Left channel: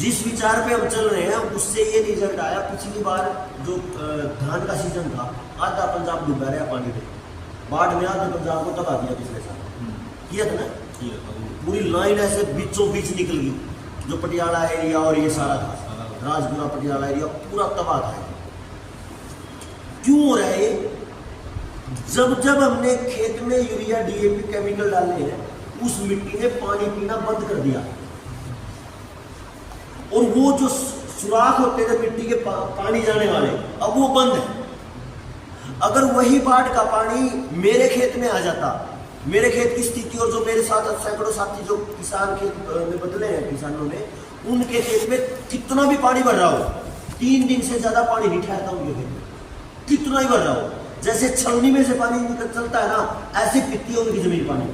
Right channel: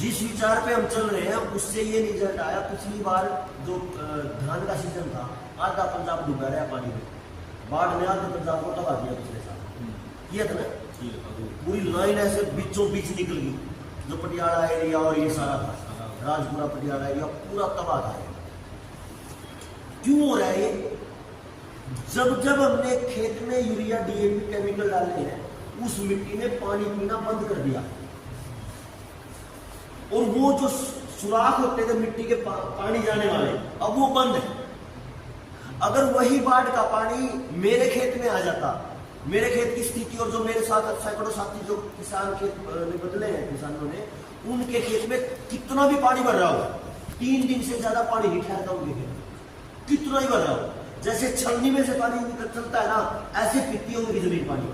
जिस विचार पे हम चल रहे हैं उससे ये रिजल्ट आया। पिछली बार जो धान का सीजन था, आधा पंजाब डूबा रहा पानी में, बाढ़ में आधे पंजाब को तबाह किया पिछले साल, किया था ना। पूरी लाइन ऐसे बीचों बीच निकल गई, जो पटियाला एरिया और ये सारा था, राजपुरा पटियाला एरिया पूरा तबाह था। क्यों हो रहा है ये? जब जब हमने खेत में यूरिया डीएपी केमिकल डाले हैं, उस मिट्टी ने पानी पीना बंद कर दिया, और वो जो सुराख होते थे मिट्टी के पानी जाने वाले, अब वो बंद है। अगर वही बाढ़ का पानी मेरे खेत में आ जाता, मेरे खेत की स्थिति और जो मेरे साथ सैकड़ों साथी जो किसान खेत में बदले हैं किसानों ने, उनके खेत में कितना भी पानी भर रहा हो, 3 दिन से ज्यादा पानी नहीं ठहरता उनके खेत में, कितना ही भर रहा हो, जैसे छलनी में से पानी निकल चलता है ना, ऐसे पीती है उनकी जमीन पानी।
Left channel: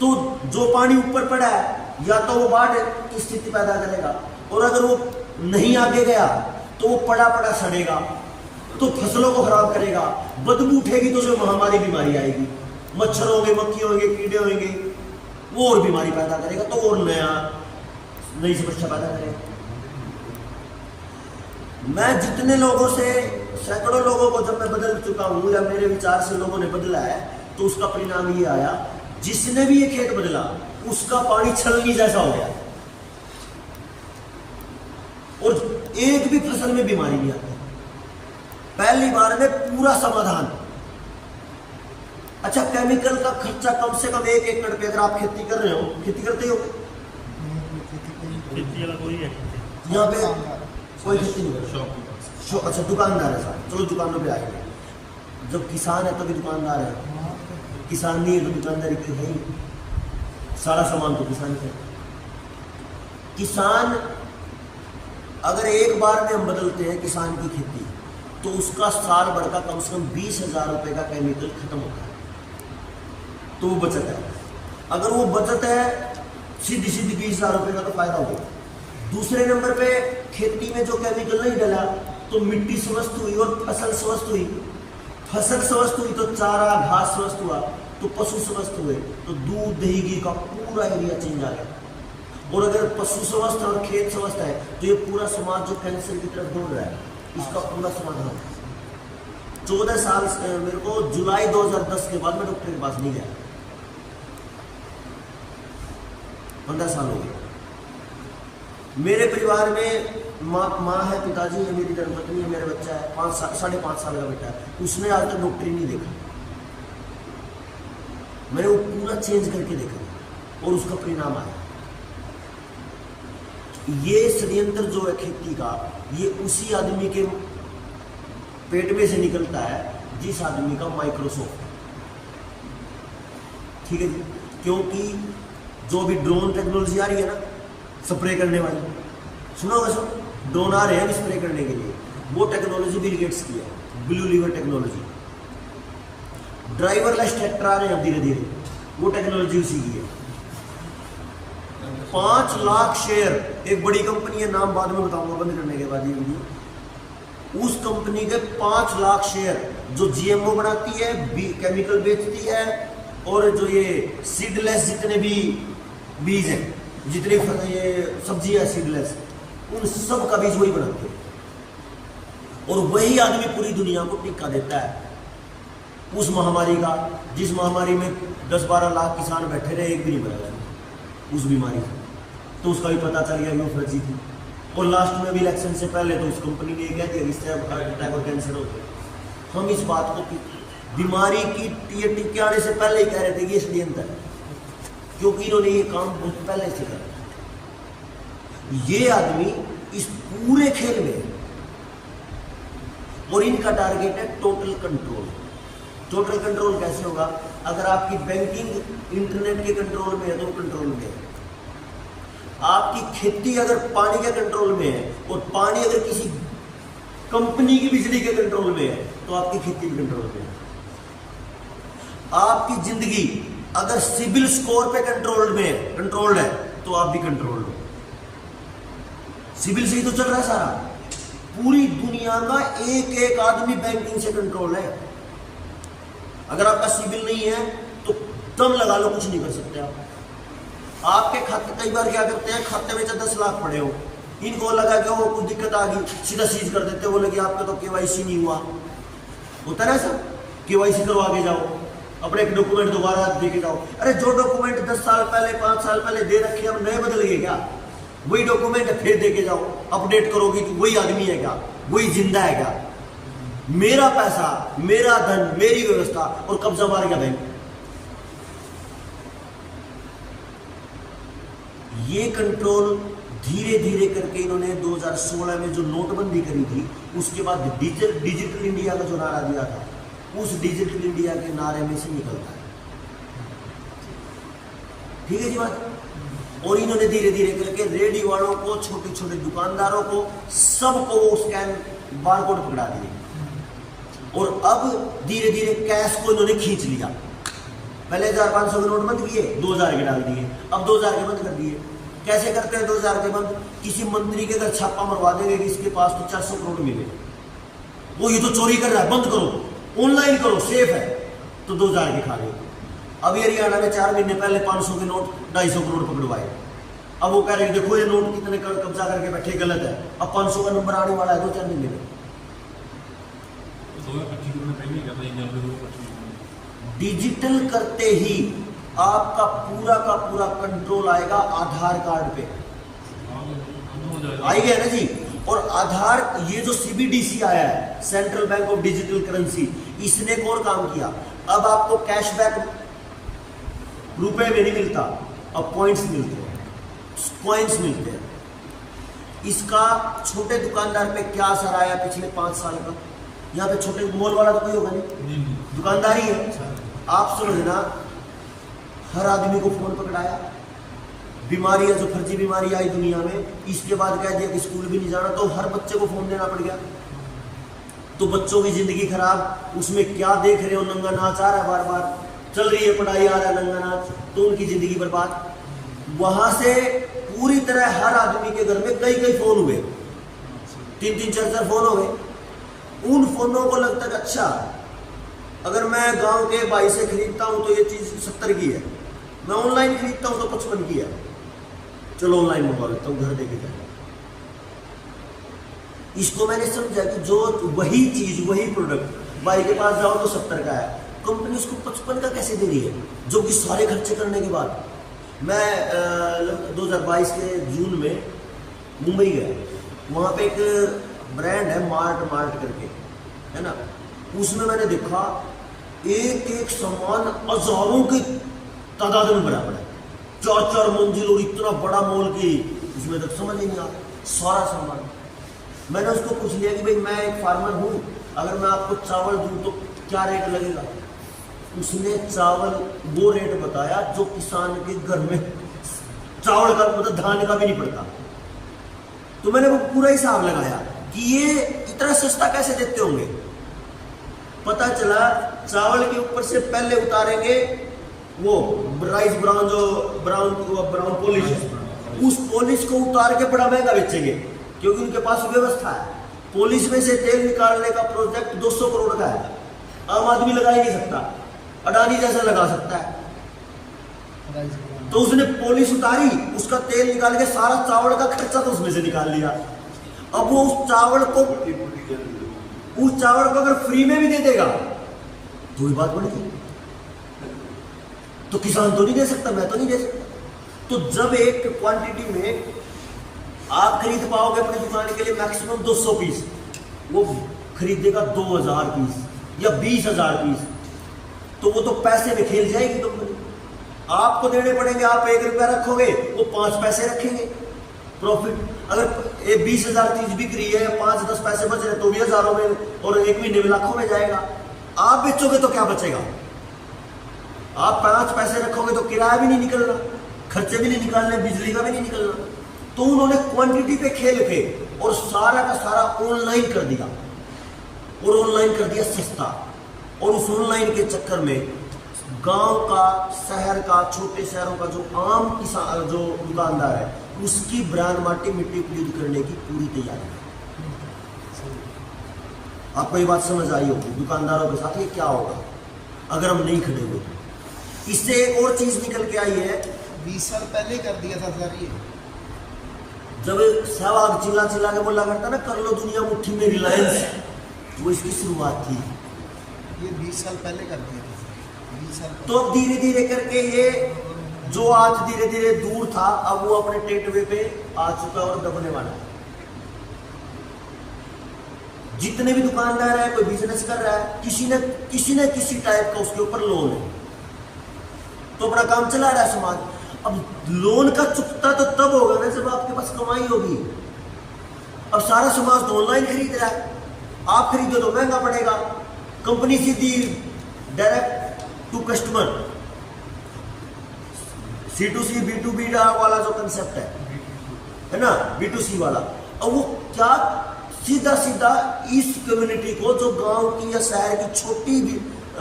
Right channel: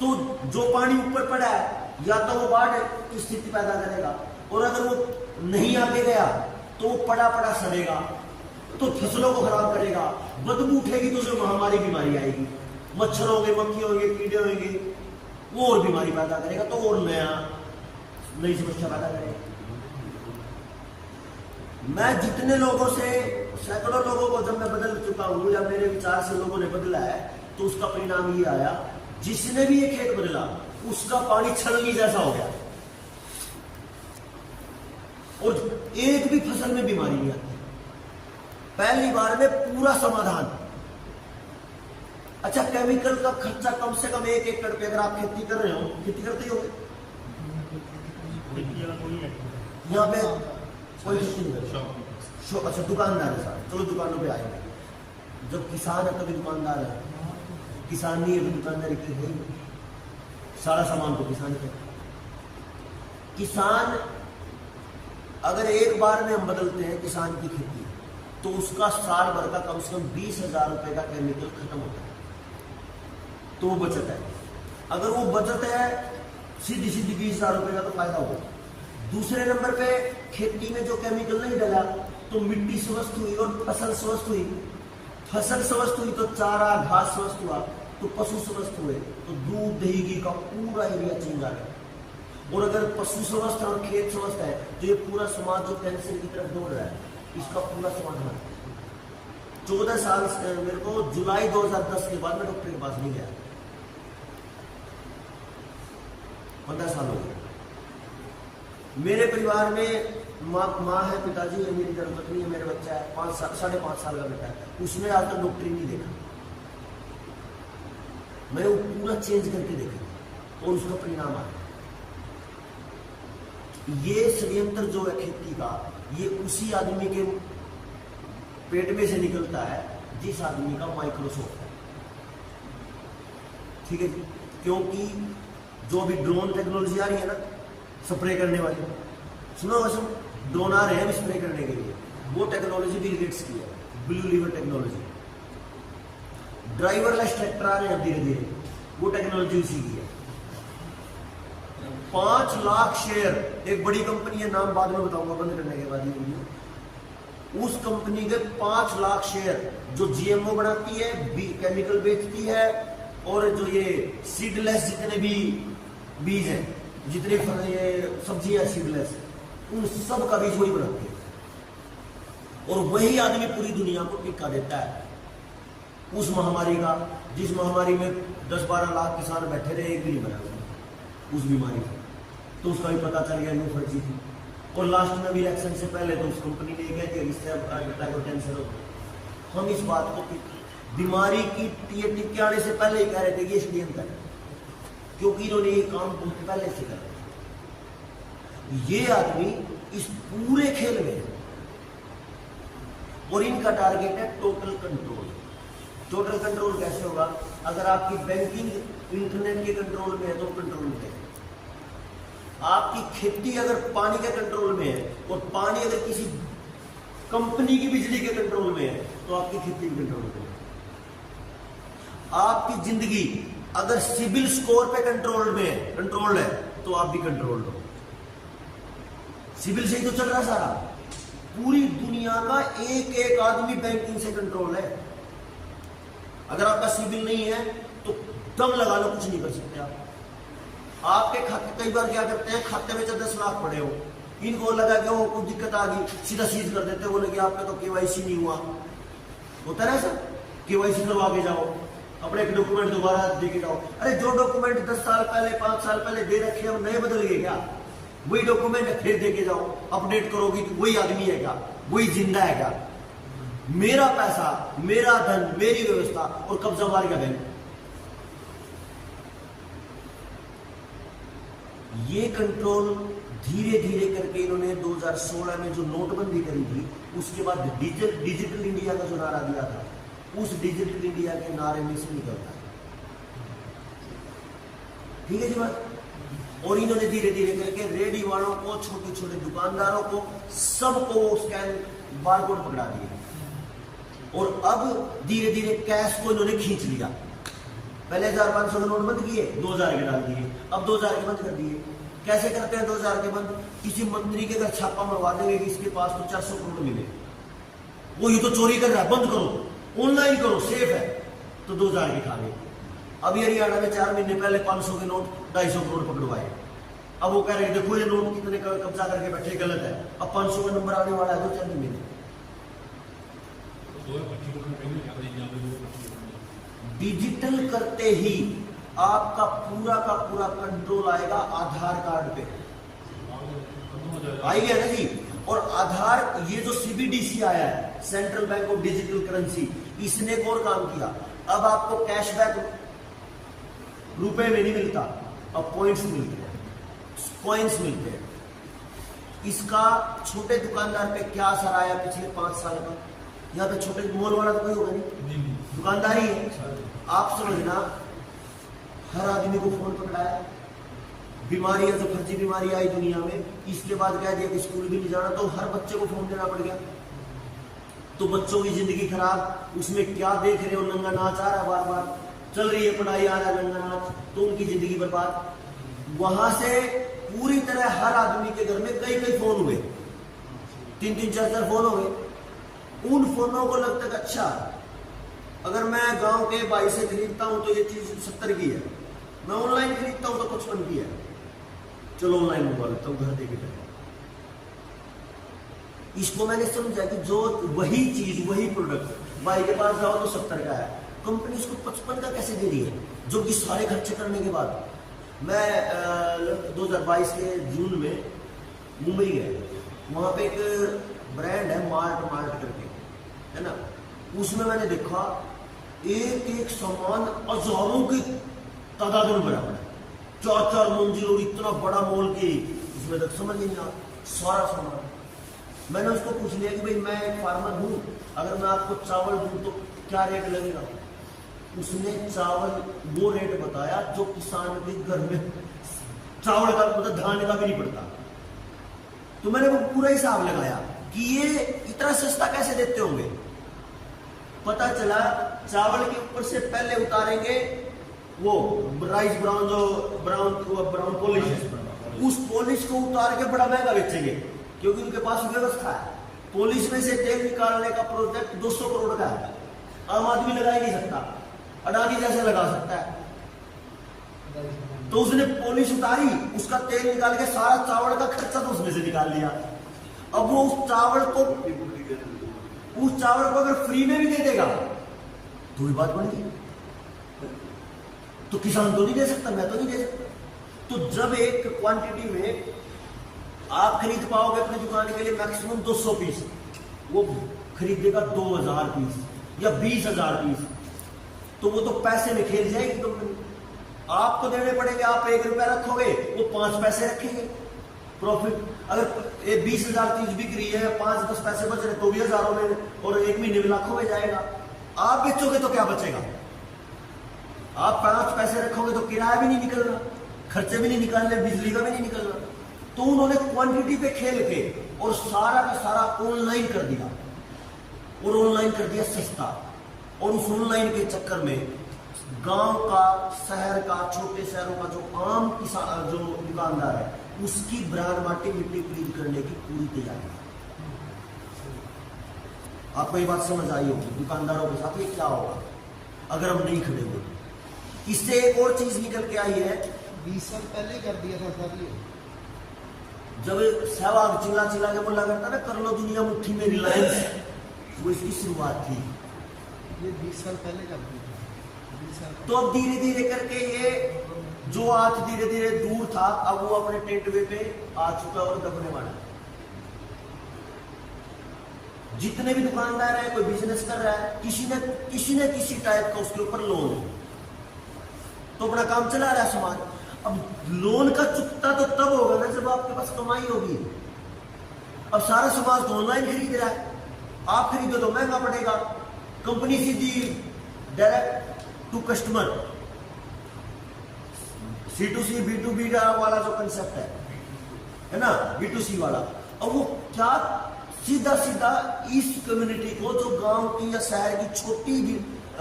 तो जो पानी ऊपर पड़ा है, या तो वो बाढ़ की स्थिति पैदा करेगा, और अगर वो नहीं आगे गया तो वो पड़ा पड़ा सड़ेगा, तो फसलों को खराब करेगा, बदबू उठेगी तो जो महामारी बीमारी आएगी, मच्छर होंगे, मक्खी होंगे, कीड़े होंगे, वो और बीमारी पैदा करेगा, तो और नई समस्या पैदा करेगा। मैं जितने लोगों से, सैकड़ों लोगों को जब मैं बदल चुका हूं, या मेरे विचार से लोगों ने बदला है, तो उसका परिणाम ये आया, जिसने भी ये खेत बदला उसका पानी छलनी जैसा हो गया, और एक भी फसल में बीमारी नहीं आती। पहली बार में पूरा समाधान। अच्छा, केमिकल का खर्चा कम से कम 1 एकड़ पे, अगर आप खेती कर रहे हो, खेती करते हो यहाँ पे कोई खेती नहीं, अच्छा दुकानदार है साहब, चलो दुकानों पे आएगा। जब किसान है तभी दुकानदार है, किसान नहीं है तो दुकानदारी की है ही, सारा सामान तो किसान के। किसान अगर एक बार में हम बदलते हैं किसान की खेती, तो उसका साल भर का कम से कम 20,000 रुपए का केमिकल खत्म होता है, तो वो बचत है। अगर वो बचत है सीधी सीधी 20,000 रुपए का, तो फायदा होगा। दूसरे नंबर पे खेती में जो केमिकल नहीं डला, तो मिट्टी स्वस्थ हुई और फसल स्वस्थ हुई। फसल स्वस्थ हुई तो चारा घास स्वस्थ हुआ, तो पशु स्वस्थ हुए, तो दूध दही घी का पूरा एरिया चेंज आ गया। और अगर पशु स्वस्थ और खेत स्वस्थ है, तो ये पूरा समाज जो कैंसर की तरफ दौड़ रहा है, इसका पूरा समाधान। 14 साल से मेरे को जुलाई 2010 के बाद मैं डॉक्टर के पास नहीं गया, 15 साल हो गए। मेरे परिवार में माँ है, पिताजी है, मेरी धर्मपत्नी है, मेरा बच्चा है 5.5 साल का बेटा है, उसने आज तक डॉक्टर ही नहीं देखा। मैंने वो पूरा चेंज करके देखा, और उसका परिणाम आया। ये षड्यंत्र जो है खेती का, ये उसी आदमी के पेट में से निकलता है जिस आदमी का माइक्रोसॉफ्ट, ठीक है जी। क्योंकि जो अभी ड्रोन टेक्नोलॉजी आ रही है ना, स्प्रे करने वाली, सुना होगा सब, ड्रोन आ रहे हैं स्प्रे करने के लिए, वो टेक्नोलॉजी बिल गेट्स की है, Blue River Technology. Driverless tractor आ रहे हैं धीरे धीरे, वो टेक्नोलॉजी उसी की है। 5 लाख शेयर, एक बड़ी कंपनी है, नाम बाद में बताऊंगा बंद करने के बाद ये वीडियो। उस कंपनी के 5 लाख शेयर, जो जीएमओ बनाती है, केमिकल बेचती है, और जो ये सीडलेस जितने भी बीज हैं, जितने ये सब्जियां सीडलेस, उन सब का बीज वही बनाते हैं, और वही आदमी पूरी दुनिया को टीका देता है उस महामारी का, जिस महामारी में 10-12 लाख किसान बैठे रहे, एक भी नहीं मरा उस बीमारी से। तो उसका भी पता चल गया कि वो फर्जी थी, और लास्ट में भी इलेक्शन से पहले तो उस कंपनी ने कह दिया इससे अटैक और कैंसर होते। हम इस बात को बीमारी की टीके आने से पहले ही कह रहे थे कि ये षड्यंत्र है, क्योंकि इन्होंने ये काम बहुत पहले से कर। ये आदमी इस पूरे खेल में, और इनका टारगेट है टोटल कंट्रोल। टोटल कंट्रोल कैसे होगा? अगर आपकी बैंकिंग इंटरनेट के कंट्रोल में है तो कंट्रोल में है, आपकी खेती अगर पानी के कंट्रोल में है, और पानी अगर किसी कंपनी की बिजली के कंट्रोल में है, तो आपकी खेती भी कंट्रोल में है। आपकी जिंदगी अगर सिविल स्कोर पे कंट्रोल्ड है, तो आप भी कंट्रोल्ड हो। सिविल से ही तो चल रहा है सारा, पूरी दुनिया का एक आदमी बैंकिंग से कंट्रोल है। अगर आपका सिविल नहीं है तो दम लगा लो, कुछ नहीं कर सकते आप। आपके खाते कई बार क्या करते हैं, खाते में 10 लाख पड़े हो, इनको लगा कि वो कुछ दिक्कत आ गई, सीधा सीज कर देते, बोले कि आपका तो केवाईसी नहीं हुआ। होता है ऐसा, केवाईसी करवा के जाओ, अपने एक डॉक्यूमेंट दोबारा दे के जाओ। अरे जो डॉक्यूमेंट 10 साल पहले 5 साल पहले दे रखे हम नए बदल गए क्या? वही डॉक्यूमेंट फिर दे के जाओ, अपडेट करोगी तो वही आदमी है क्या? वही जिंदा है क्या? मेरा पैसा, मेरा धन, मेरी व्यवस्था, और कब्जा मार गया बैंक। ये कंट्रोल धीरे धीरे करके इन्होंने 2016 में जो नोटबंदी करी थी, उसके बाद डिजिटल इंडिया का जो नारा दिया था, उस डिजिटल इंडिया के नारे में से निकलता है। ठीक है जी बात। और इन्होंने धीरे धीरे करके रेडी वालों को, छोटे छोटे दुकानदारों को, सबको वो स्कैन बारकोड पकड़ा दिए, और अब धीरे धीरे कैश को इन्होंने खींच लिया। पहले 1500 के नोट बंद किए, 2000 के डाल दिए, अब 2000 के बंद कर दिए। कैसे करते हैं 2000 के बंद? किसी मंत्री के घर छापा मरवा देंगे कि इसके पास तो 400 करोड़ मिले, वो ये तो चोरी कर रहा है, बंद करो, ऑनलाइन करो, सेफ है, तो 2000 के खा लिए। अब ये हरियाणा में 4 महीने पहले 500 के नोट 250 करोड़ पकड़वाए। अब वो कह रहे हैं देखो ये नोट कितने कब्जा करके बैठे, गलत है। अब 500 का नंबर आने वाला है 2-4 महीने में। डिजिटल करते ही आपका पूरा का पूरा कंट्रोल आएगा आधार कार्ड पे, आई गया ना जी। और आधार, ये जो CBDC आया है, central bank of digital currency, इसने एक और काम किया। अब आपको कैशबैक रुपए में नहीं मिलता, अब पॉइंट्स मिलते हैं, कॉइन्स मिलते हैं। इसका छोटे दुकानदार पे क्या असर आया पिछले 5 साल का? यहाँ पे छोटे मॉल वाला तो कोई होगा नहीं, दुकानदार ही है। आप समझना, हर आदमी को फोन पकड़ाया, बीमारियां जो फर्जी बीमारी आई दुनिया में, इसके बाद कह दिया कि स्कूल भी नहीं जाना, तो हर बच्चे को फोन देना पड़ गया। तो बच्चों की जिंदगी खराब, उसमें क्या देख रहे हो, नंगा नाच आ रहा है, बार बार चल रही है पढ़ाई, आ रहा है नंगा नाच, तो उनकी जिंदगी बर्बाद। वहां से पूरी तरह हर आदमी के घर में कई कई फोन हुए, 3-3, 4-4 फोन हो गए। उन फोनों को लगता है अच्छा, अगर मैं गांव के भाई से खरीदता हूं तो ये चीज 70 की है, मैं ऑनलाइन खरीदता हूं तो 55 की है, चलो ऑनलाइन मंगवा लेता हूं, घर देके जाए। इसको मैंने समझा कि जो वही चीज, वही प्रोडक्ट भाई के पास जाओ तो 70 का है, कंपनी उसको 55 का कैसे दे रही है, जो कि सारे खर्चे करने के बाद। मैं 2022 के जून में मुंबई गया, वहां पे एक ब्रांड है मार्ट करके, है ना, उसमें मैंने देखा एक एक सामान हजारों की तादाद में बराबर है, 4-4 मंजिल, और इतना बड़ा मॉल की उसमें तक समझ ही नहीं आता सारा सामान। मैंने उसको पूछ लिया कि भाई मैं एक फार्मर हूँ, अगर मैं आपको चावल दूँ तो क्या रेट लगेगा? उसने चावल वो रेट बताया जो किसान के घर में चावल का, मतलब धान का भी नहीं पड़ता। तो मैंने वो पूरा हिसाब लगाया कि ये इतना सस्ता कैसे देते होंगे। पता चला चावल के ऊपर से पहले उतारेंगे वो राइस ब्राउन, जो ब्राउन पॉलिश है, उस पॉलिश को उतार के बड़ा महंगा बेचेंगे, क्योंकि उनके पास व्यवस्था है। पॉलिश में से तेल निकालने का प्रोजेक्ट 200 करोड़ का है, आम आदमी लगा ही नहीं सकता, अडानी जैसा लगा सकता है। तो उसने पॉलिश उतारी, उसका तेल निकाल के सारा चावल का खर्चा तो उसमें से निकाल लिया। अब वो उस चावल को अगर फ्री में भी दे देगा तो ही बात बन गई। तो किसान तो नहीं दे सकता, मैं तो नहीं दे सकता। तो जब एक क्वांटिटी में आप खरीद पाओगे अपनी दुकान के लिए मैक्सिमम 200 पीस, वो खरीदेगा 2000 पीस या 20,000 पीस, तो वो तो पैसे में खेल जाएगी कंपनी। आपको देने पड़ेंगे, आप 1 रुपया रखोगे, वो 5 पैसे रखेंगे प्रॉफिट। अगर 20,000 चीज बिक रही है, 5-10 पैसे बच रहे तो भी हजारों में और 1 महीने में लाखों में जाएगा। आप बेचोगे तो क्या बचेगा? आप 5 पैसे रखोगे तो किराया भी नहीं निकलना, खर्चे भी नहीं निकालने, बिजली का भी नहीं निकलना। तो उन्होंने क्वांटिटी पे खेल के और सारा का सारा ऑनलाइन कर दिया, और ऑनलाइन कर दिया सस्ता। और उस ऑनलाइन के चक्कर में गांव का, शहर का, छोटे शहरों का जो आम किसान, जो दुकानदार है, उसकी ब्रांड माटी मिट्टी खरीद करने की पूरी तैयारी है। आपको ये बात समझ आई होगी दुकानदारों के साथ ये क्या होगा अगर हम नहीं खड़े हुए। इससे एक और चीज निकल के आई है, 20 साल पहले कर दिया था सर ये। जब सहवाग चिल्ला चिल्ला के बोला करता ना, कर लो दुनिया मुट्ठी में रिलायंस, वो इसकी शुरुआत थी। ये 20 साल पहले कर दिया था सर, 20 साल पहले। तो अब धीरे धीरे करके ये जो आज धीरे धीरे दूर था, अब वो अपने टेटवे पे आ चुका और दबने वाला है। जितने भी दुकानदार है, कोई बिजनेस कर रहा है, किसी न किसी टाइप का उसके ऊपर लोन है, तो अपना काम चला रहा है समाज। अब लोन का चुकता तो तब होगा ना जब आपके पास कमाई होगी। अब सारा समाज तो ऑनलाइन खरीद रहा है, आप खरीदो तो महंगा पड़ेगा। कंपनी सीधी direct to customer, C2C B2B वाला जो कंसेप्ट है ना, B2C वाला। अब वो क्या सीधा सीधा इस कम्युनिटी को, जो गांव की या शहर की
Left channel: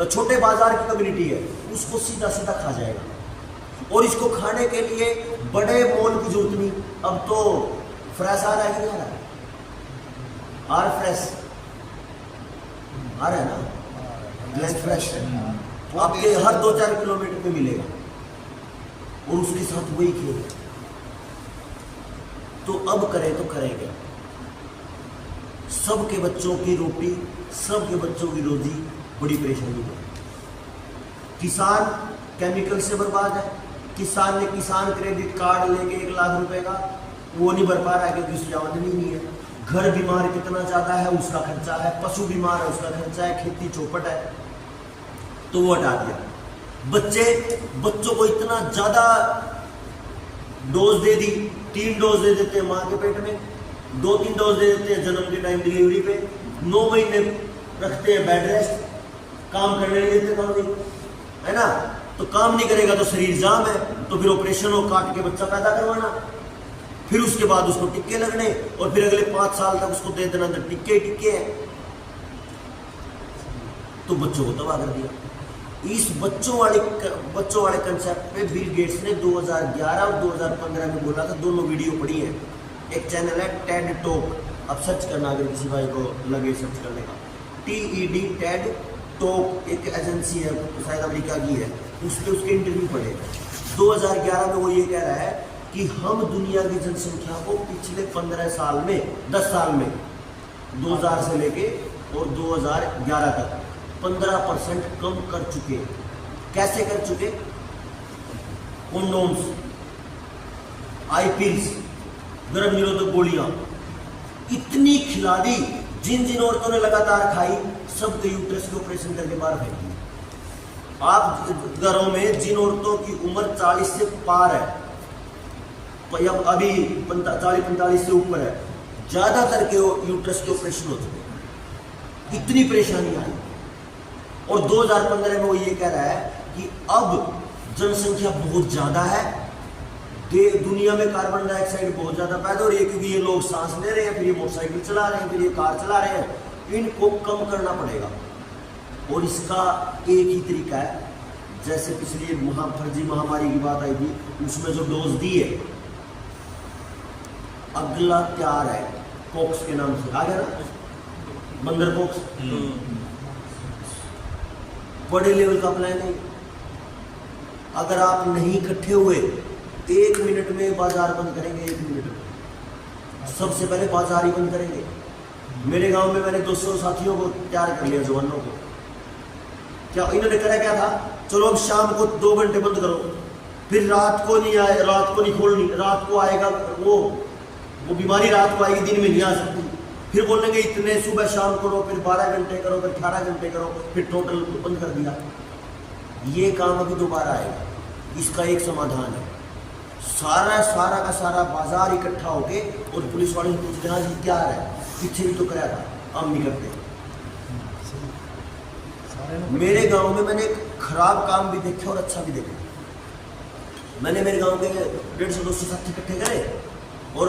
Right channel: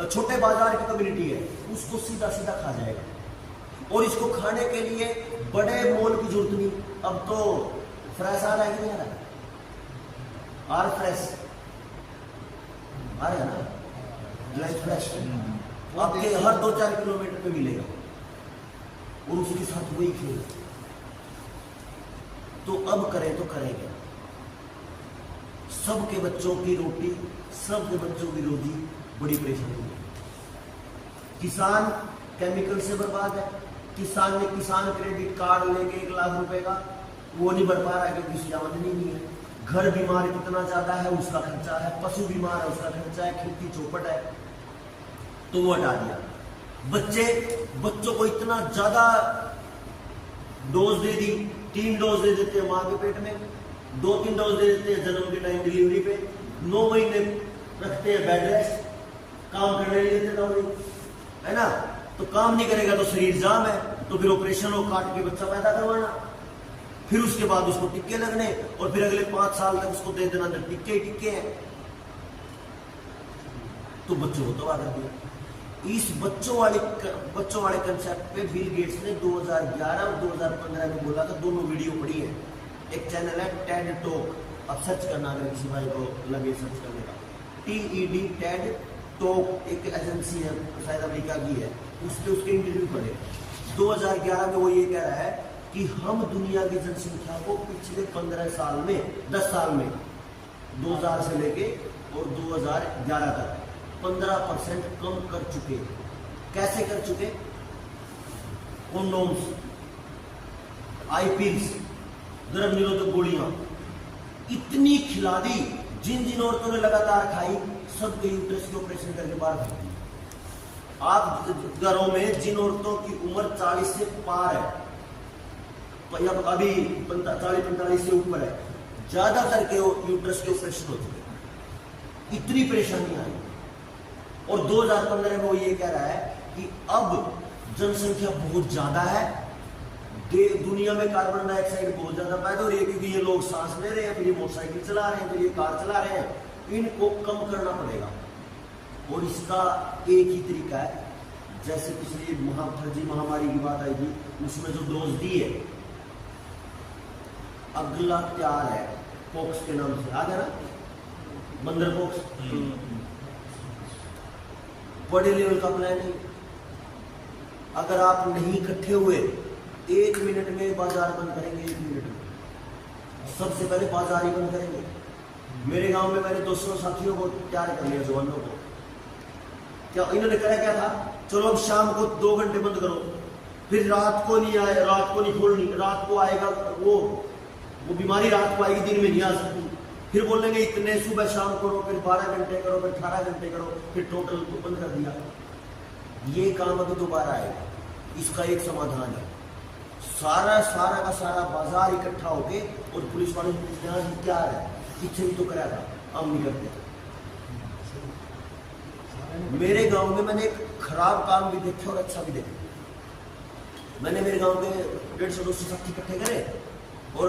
छोटे बाजार की कम्युनिटी है, उसको सीधा सीधा खा जाएगा। और इसको खाने के लिए बड़े मॉल की जरूरत नहीं। अब तो फ्रेश आ रहा है कि नहीं आ रहा? आर फ्रेश आ रहा है ना, फ्रेश आपके हर 2-4 किलोमीटर पे मिलेगा, और उसके साथ वही खेल। तो अब करें तो करें क्या? सबके बच्चों की रोटी, सबके बच्चों की रोजी बड़ी परेशानी है। किसान केमिकल से बर्बाद है। किसान ने किसान क्रेडिट कार्ड लेके 1 लाख रुपए का, वो नहीं भर पा रहा है क्योंकि उसकी आमदनी नहीं है। घर बीमार कितना ज्यादा है, उसका खर्चा है। पशु बीमार है, उसका खर्चा है। खेती चौपट है, तो वो हटा दिया। बच्चों को इतना ज्यादा डोज दे दी, 3 डोज दे देते हैं माँ के पेट में, 2-3 डोज दे देते हैं जन्म के टाइम डिलीवरी पे, 9 महीने रखते हैं बेड रेस्ट, काम करने नहीं देते काम नहीं, है ना। तो काम नहीं करेगा तो शरीर जाम है, तो फिर ऑपरेशन हो, काट के बच्चा पैदा करवाना, फिर उसके बाद उसको टिक्के लगने, और फिर अगले 5 साल तक उसको दे देना, अंदर टिक्के टिक्के हैं। तो बच्चों को तबाह कर दिया। इस बच्चों वाले कंसेप्ट पे बिल गेट्स ने 2011 और 2015 में बोला था। दोनों वीडियो पड़ी है, एक चैनल है टेड टॉक, अब सर्च करना अगर किसी भाई को लगे सर्च करने का, TED टेड टॉक, एक एजेंसी है शायद अमेरिका की है, उसके इंटरव्यू पढ़े। 2011 में वो ये कह रहा है कि हम दुनिया की जनसंख्या को पिछले 15 साल में, 10 साल में, 2000 से लेके और 2011 तक 15% कम कर चुके। कैसे कर चुके? कॉन्डोम्स, आई पिल्स, गर्भ निरोधक गोलियां इतनी खिला दी, जिन औरतों ने लगातार खाई, सबके यूट्रस के ऑपरेशन करके बाहर फेंक दिए। आप घरों में जिन औरतों की उम्र 40 से पार है, अभी 40-45 से ऊपर है, ज्यादातर के यूट्रस के ऑपरेशन हो चुके। इतनी परेशानी आई। और 2015 में वो ये कह रहा है कि अब जनसंख्या बहुत ज्यादा है, दुनिया में कार्बन डाइऑक्साइड बहुत ज्यादा पैदा हो रही है, क्योंकि ये लोग सांस ले रहे हैं, फिर ये मोटरसाइकिल चला रहे हैं, फिर ये कार चला रहे हैं, इनको कम करना पड़ेगा। और इसका एक ही तरीका है, जैसे पिछली फर्जी महामारी की बात आई थी, उसमें जो डोज दी है, अगला तैयार है पॉक्स के नाम से, आ गया ना, बंदर पॉक्स, बड़े लेवल का प्लान है। अगर आप नहीं इकट्ठे हुए, 1 मिनट में बाजार बंद करेंगे, 1 मिनट में सबसे पहले बाजार ही बंद करेंगे। मेरे गांव में मैंने 200 साथियों को तैयार कर लिया, जवानों को। क्या इन्होंने कहा क्या था? चलो अब शाम को 2 घंटे बंद करो, फिर रात को नहीं आए, रात को नहीं खोलनी, रात को आएगा वो बीमारी रात को आएगी, दिन में नहीं आ सकती। फिर बोलेंगे इतने सुबह शाम करो, फिर 12 घंटे करो, फिर 18 घंटे करो, फिर टोटल बंद कर दिया। ये काम अभी दोबारा आएगा। इसका एक समाधान है, सारा का सारा बाजार इकट्ठा होके, और पुलिस वाले पूछते हैं क्या है, पीछे भी तो कराया था, हम नहीं करते। मेरे गांव में मैंने एक खराब काम भी देखा और अच्छा भी देखा। मैंने मेरे गांव के 150-200 साथी इकट्ठे करे, और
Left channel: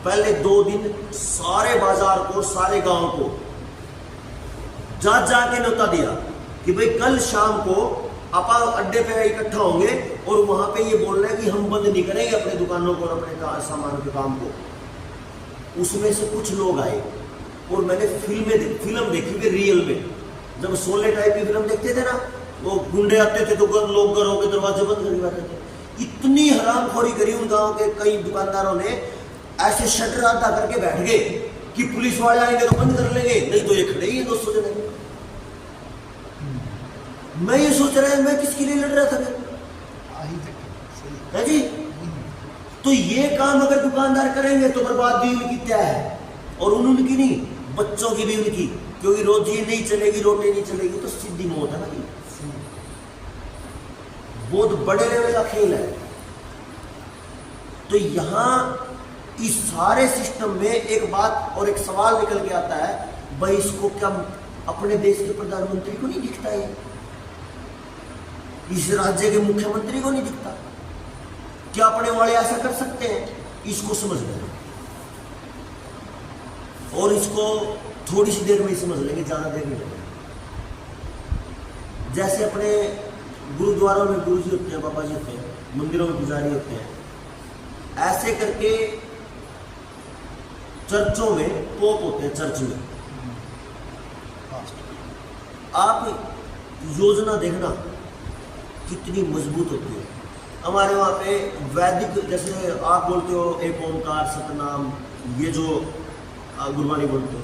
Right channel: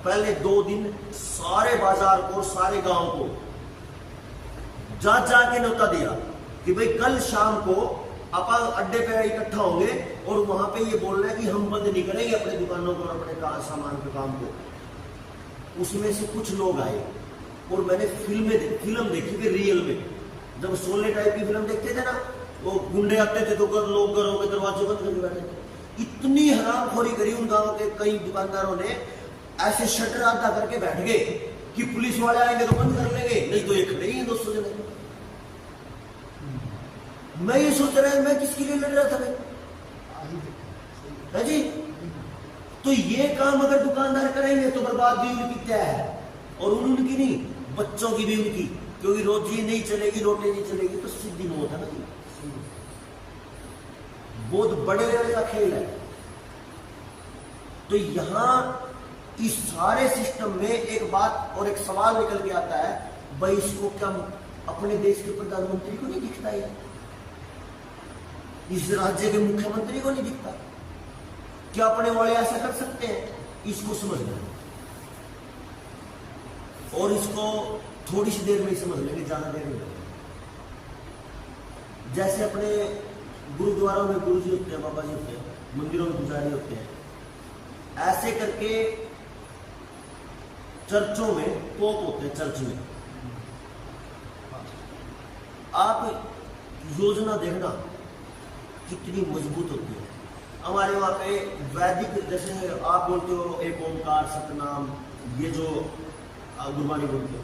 पहले 2 दिन सारे बाजार को, सारे गांव को जाके न्योता दिया कि भाई कल शाम को आप अड्डे पे इकट्ठा होंगे, और वहां पे ये बोल रहे हैं कि हम बंद नहीं करेंगे अपने दुकानों को और अपने सामान के काम को। उसमें से कुछ लोग आए, और मैंने फिल्म देखी कि रियल में, जब सोले टाइप की फिल्म देखते थे ना, वो गुंडे आते थे तो लोग घरों के दरवाजे बंद कर बैठे थे। इतनी हरामखोरी करी उन गांव के कई दुकानदारों ने, ऐसे शटर आधा करके बैठ गए कि पुलिस वाले आएंगे तो बंद कर लेंगे, नहीं तो ये खड़े ही हैं 200 जने। मैं ये सोच रहा है मैं किसके लिए लड़ रहा था मैं, है जी। तो ये काम अगर दुकानदार करेंगे तो बर्बादी उनकी तय है, और उनकी नहीं, बच्चों की भी उनकी, क्योंकि रोजी नहीं चलेगी, रोटी नहीं चलेगी तो सीधी मौत है ना जी। बहुत बड़े लेवल का खेल है। तो यहां इस सारे सिस्टम में एक बात और एक सवाल निकल के आता है, भाई इसको क्या अपने देश के प्रधानमंत्री को नहीं दिखता है, इस राज्य के मुख्यमंत्री को नहीं दिखता? क्या अपने वाले ऐसा कर सकते हैं? इसको समझ लें, और इसको थोड़ी सी देर में ही समझ लेंगे, ज्यादा देर नहीं लगेगी। जैसे अपने गुरुद्वारों में गुरुजी होते हैं, बाबा जी होते हैं, मंदिरों में पुजारी होते हैं, ऐसे करके चर्चों में पोप होते हैं। चर्च में आप योजना देखना कितनी मजबूत होती है। हमारे वहाँ पे वैदिक, जैसे आप बोलते हो एक ओमकार सतनाम, ये जो गुरुवाणी बोलते हो,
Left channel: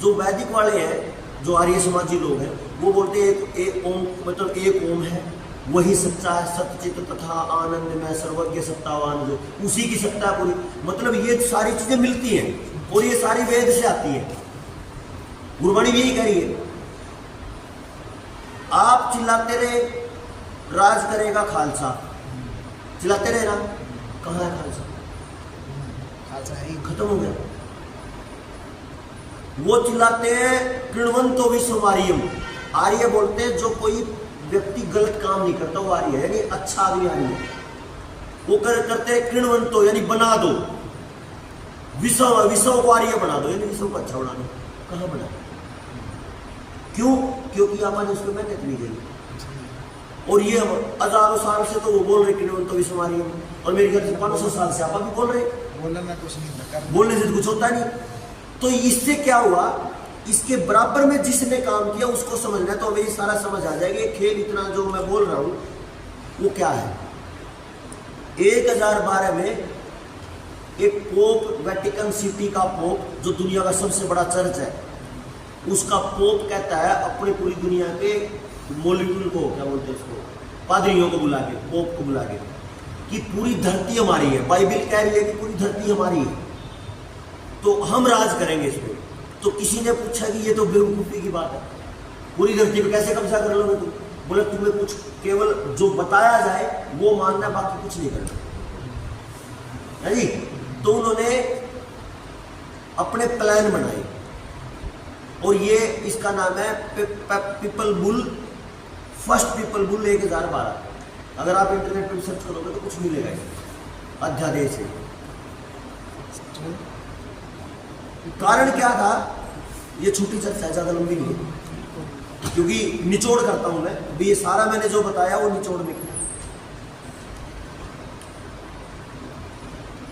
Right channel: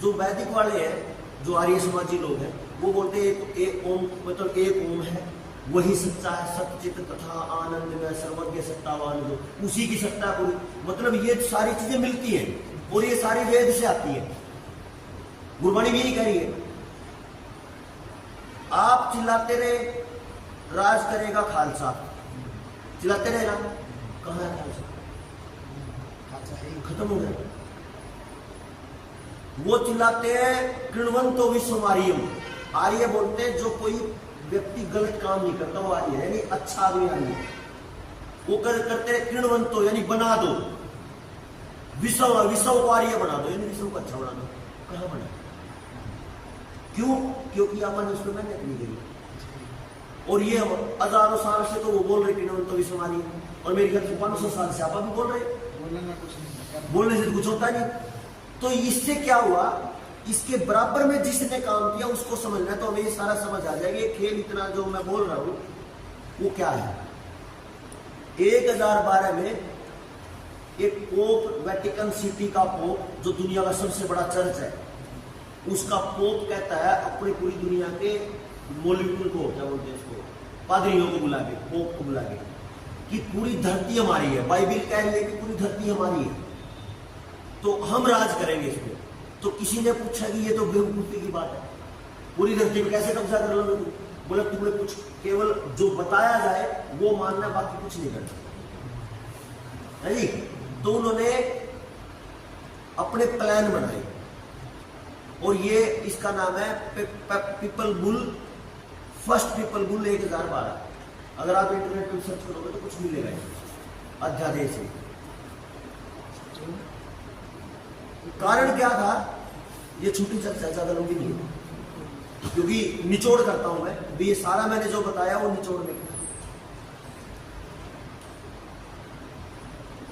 जो वैदिक वाले हैं, जो आर्य समाजी लोग हैं, वो बोलते हैं एक ओम, मतलब एक ओम है, वही सच्चा है, सत्यचित तथा आनंद में सर्वज्ञ सत्तावान, जो उसी की सत्ता पूरी। मतलब ये सारी चीजें मिलती हैं और ये सारी वेद से आती है। गुरुवाणी भी यही कह रही है, आप चिल्लाते रहे राज करेगा खालसा, चिल्लाते रहे ना, कहाँ है खालसा? खालसा है ही खत्म हो गया। वो चिल्लाते हैं कृणवंतो विश्वमारियम, आर्य बोलते हैं जो कोई व्यक्ति गलत काम नहीं करता वो आर्य है, यानी अच्छा आदमी आर्य है। वो करते हैं कृणवंतो, यानी बना दो, विश्व को आर्य बना दो, यानी विश्व को अच्छा बना दो। कहाँ बना? क्यों? क्योंकि आपने उसमें मेहनत नहीं करी। और ये हजारों साल से तो वो बोल रहे कृणवंतो विश्वमारियम, और मेरे ख्याल से 500 साल से आप भी बोल रहे। बोलना कुछ नहीं होता, बोलने से तो कुछ होता नहीं। तो इससे क्या हुआ, इसके बराबर में जिसने काम किया उसको समझना, तो मेरी सारा समझ आ जाएगी। खेल इतना जो मैं बोल रहा हूं वो क्या है। 1012 में एक पोप, वेटिकन सिटी का पोप, जो दुनिया का सबसे बड़ा चर्च है, उसका पोप कहता है अपनी पूरी दुनिया के मौलवियों को, क्या बोलते हैं इसको, पादरियों को बुला के, पोप को बुला के, कि पूरी धरती हमारी है। बाइबल कह रही है कि पूरी धरती हमारी है, तो हम राज करेंगे इस पर। तो किसी ने पूछा कि ये तो बेवकूफी की बात है, पूरी धरती पे कैसे कब्जा कर लोगे तुम? बोले तुम्हें कुछ केवल जो बताया जाए वो मानना, बाकी कुछ नहीं करना, है जी। तो उन्होंने अपने प्लान बनाए, और ये इसका नाम है people bull, first people bull 1012। अगर आप इंटरनेट पर सर्च करोगे तो कुछ मिलेगा अध्यादेश से। कारण क्या था, ये छोटी चर्चा है, ज्यादा लंबी नहीं है, क्योंकि निचोड़ करता हूं मैं अभी। ये सारा मैंने जो बताया वो निचोड़ में किया।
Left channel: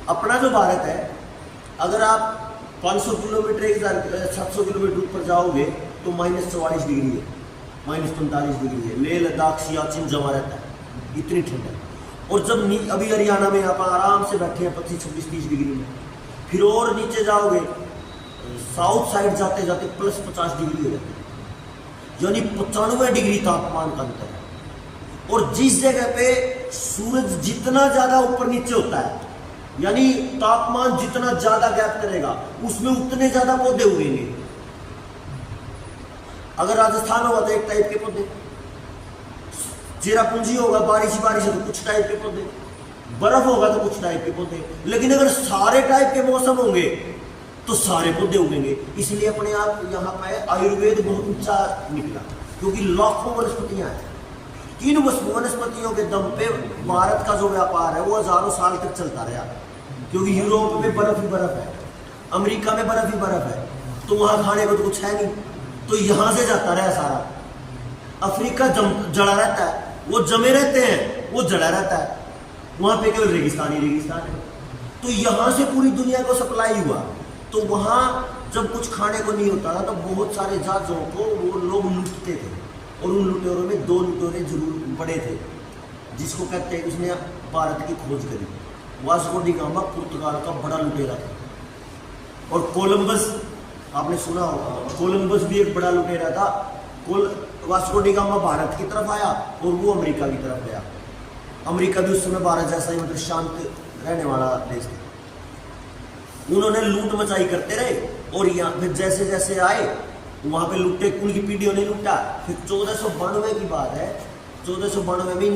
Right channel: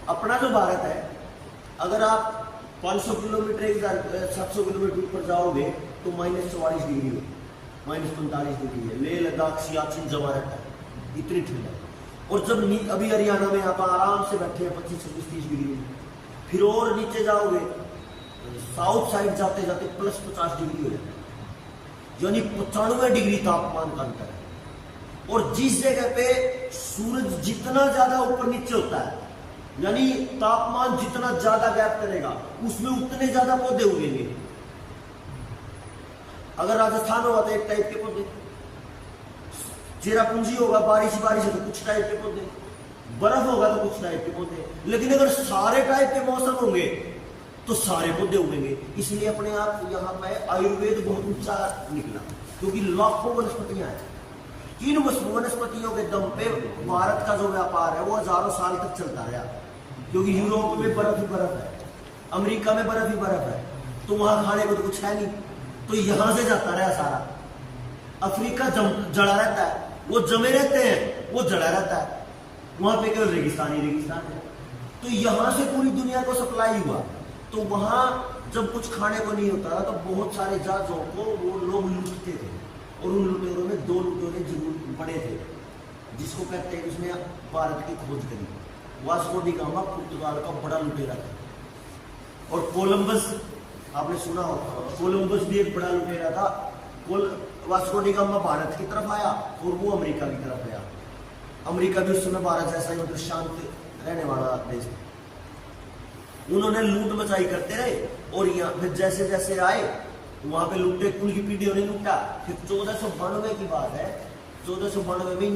अपना जो भारत है, अगर आप 500 किलोमीटर 700 किलोमीटर ऊपर जाओगे तो -44 डिग्री है, -45 डिग्री है। लेह लद्दाख सियाचिन जमा रहता है, इतनी ठंड है। और जब अभी हरियाणा में आप आराम से बैठे हैं 25, 26, 30 डिग्री में, फिर और नीचे जाओगे, साउथ साइड जाते जाते +50 डिग्री हो जाती है, यानी 95 डिग्री तापमान का अंतर है। और जिस जगह पे सूरज जितना ज्यादा ऊपर नीचे होता है, यानी तापमान जितना ज्यादा गैप करेगा, उसमें उतने ज्यादा पौधे उगेंगे। अगर राजस्थान होगा तो एक टाइप के पौधे, चेरापूंजी होगा, बारिश बारिश है तो कुछ टाइप के पौधे, बर्फ होगा तो कुछ टाइप के पौधे। लेकिन अगर सारे टाइप के मौसम होंगे तो सारे पौधे उगेंगे। इसलिए अपने आप यहाँ पे आयुर्वेद बहुत ऊंचा निकला, क्योंकि लाखों वनस्पतियां हैं। इन वनस्पतियों के दम पे भारत का जो व्यापार है वो हजारों साल तक चलता रहा, क्योंकि यूरोप में बर्फ ही बर्फ है, अमेरिका में बर्फ ही बर्फ है, तो वहां खाने को तो कुछ है नहीं, तो यहां से जाता रहा सारा। अफ्रीका जड़ा रहता है, वो जमे रहते हैं, वो जड़ा रहता है, वहां पे केवल रेगिस्तान ही रेगिस्तान है। तो यहां से पूरी दुनिया को सप्लाई हुआ। तो वहां जब कुछ खाने को नहीं होता था तो बहुत सारे जहाजों को वो लोग लूटते थे, और उन लुटेरों में 2 लुटेरे जरूर बड़े थे, जिसको कहते हैं, उसने भारत की खोज करी। वास्को डी गामा पुर्तगाल का बड़ा लुटेरा था। और कोलंबस, आपने सुना होगा, कोलंबस भी एक बड़ा लुटेरा था। वास्को डी गामा भारत की तरफ आया और वो अमेरिका की तरफ गया। अमेरिका भी उस समय भारत जैसा ही मतलब शांत रहने वाला देश था। उन्होंने लूट मचाई करते रहे और यहाँ फिर जैसे जैसे आए वहां पे लुटे, कुल की पीढ़ियों ने लूटा। फिर 1492 की बात है, 1492 में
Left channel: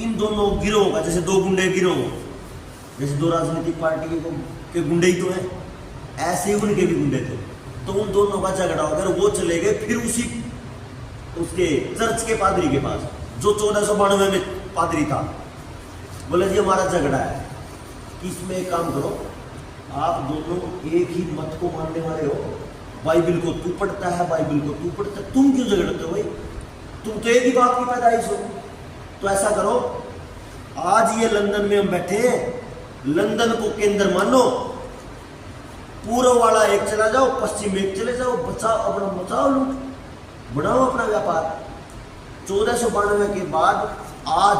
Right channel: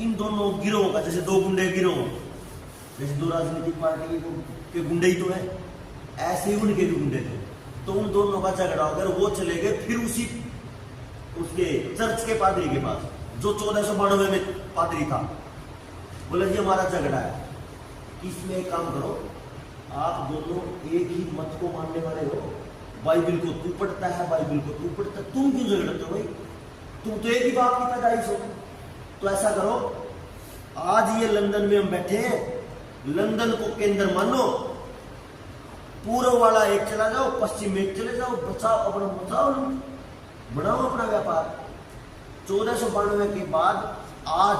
इन दोनों गिरोहों का, जैसे दो गुंडे गिरोह, जैसे दो राजनीतिक पार्टी के गुंडे ही तो हैं, ऐसे ही उनके भी गुंडे थे। तो उन दोनों का झगड़ा हो गया, वो चले गए फिर उसके चर्च के पादरी के पास, जो 1492 में पादरी था। बोले जी हमारा झगड़ा है, इसमें एक काम करो, आप दोनों एक ही मत को मानने वाले हो, बाइबिल को तू पढ़ता है, बाइबिल को तू पढ़ता है, तुम क्यों झगड़ते हो भाई? तुम तो एक ही बाप की पैदाइश हो। तो ऐसा करो, आज ये लंदन में हम बैठे हैं, लंदन को केंद्र मानो, पूर्व वाला एक चला जाओ, पश्चिम में एक चले जाओ, बचाओ अपना, बचाओ लूट, बढ़ाओ अपना व्यापार। 1492 के बाद आज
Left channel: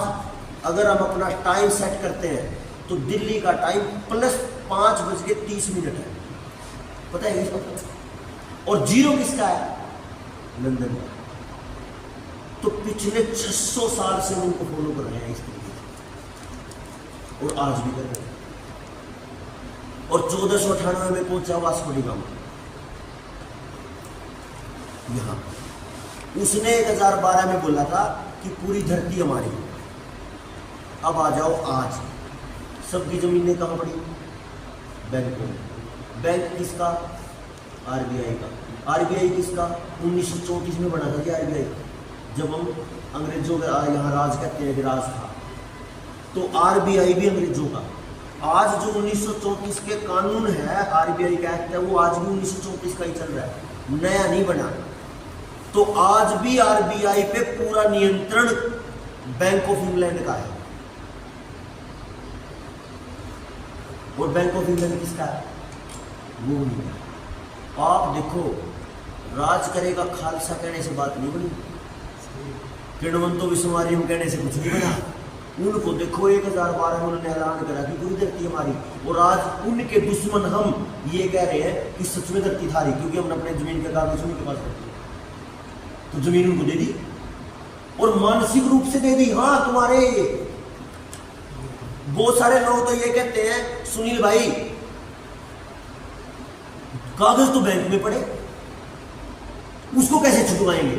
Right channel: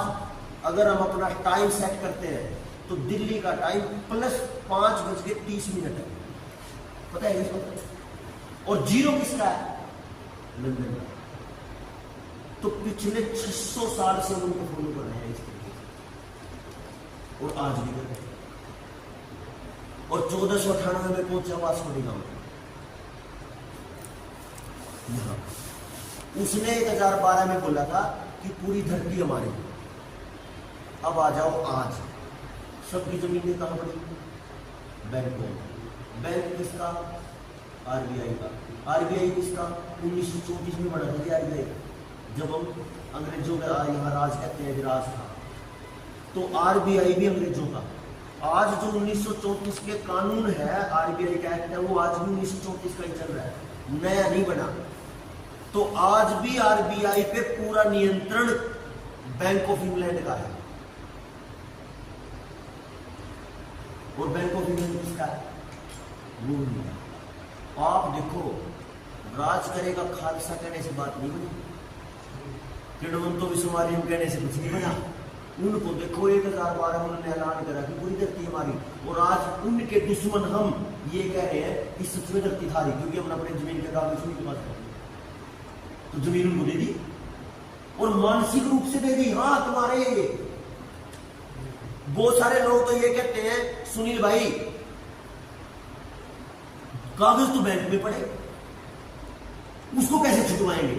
अगर हम अपना टाइम सेट करते हैं तो दिल्ली का टाइम +5:30 है, पता है इसको? और जीरो किसका है? लंदन का। तो पिछले 600 साल से उनको फॉलो कर रहे हैं इस तरीके से, और आज भी कर रहे हैं। और 1498 में पहुंचा वास्को डी गामा यहां। उसने 1012 में बोला था कि पूरी धरती हमारी है। अब आ जाओ, आज सबकी जमीनें कहां पड़ी? बैंकों में। बैंक किसका? आरबीआई का। आरबीआई किसका? 1934 में बना था कि आरबीआई, जब हम अंग्रेजों का यहाँ राज करते हैं, राज था, तो आरबीआई भी अंग्रेजों का। आज जो 1934 के कानून है, आरबीआई का एक्ट है, वो आज भी 1934 का ही चल रहा है, नया नहीं बना। तो आज भी आरबीआई पे पूरा नियंत्रण बैंक ऑफ इंग्लैंड का है। और बैंक ऑफ इंग्लैंड किसका है? वो नहीं। आप देखो, राज करेगा खालसा कहने से बात नहीं बनी, किणवंतो विश्वमारियम कहने से कुछ नहीं बना। उनको देखो 1012 में उन्होंने ऐलान करा कि पूरी धरती हमारी, और आज उनके दुश्मन हम ये कह रहे हैं कि सच में धरती थारी, क्योंकि हमने अपने जमीन के कागज उनके पास रखी, तो जमीन उनको दे दी और मानसिक रूप से दे दी। हाँ, तुम्हारे बहुत सारे लोग तो ये कहते हैं, सुनील भाई कागज तो बैंक में पड़े, उसको कैसे छुटवाएंगे?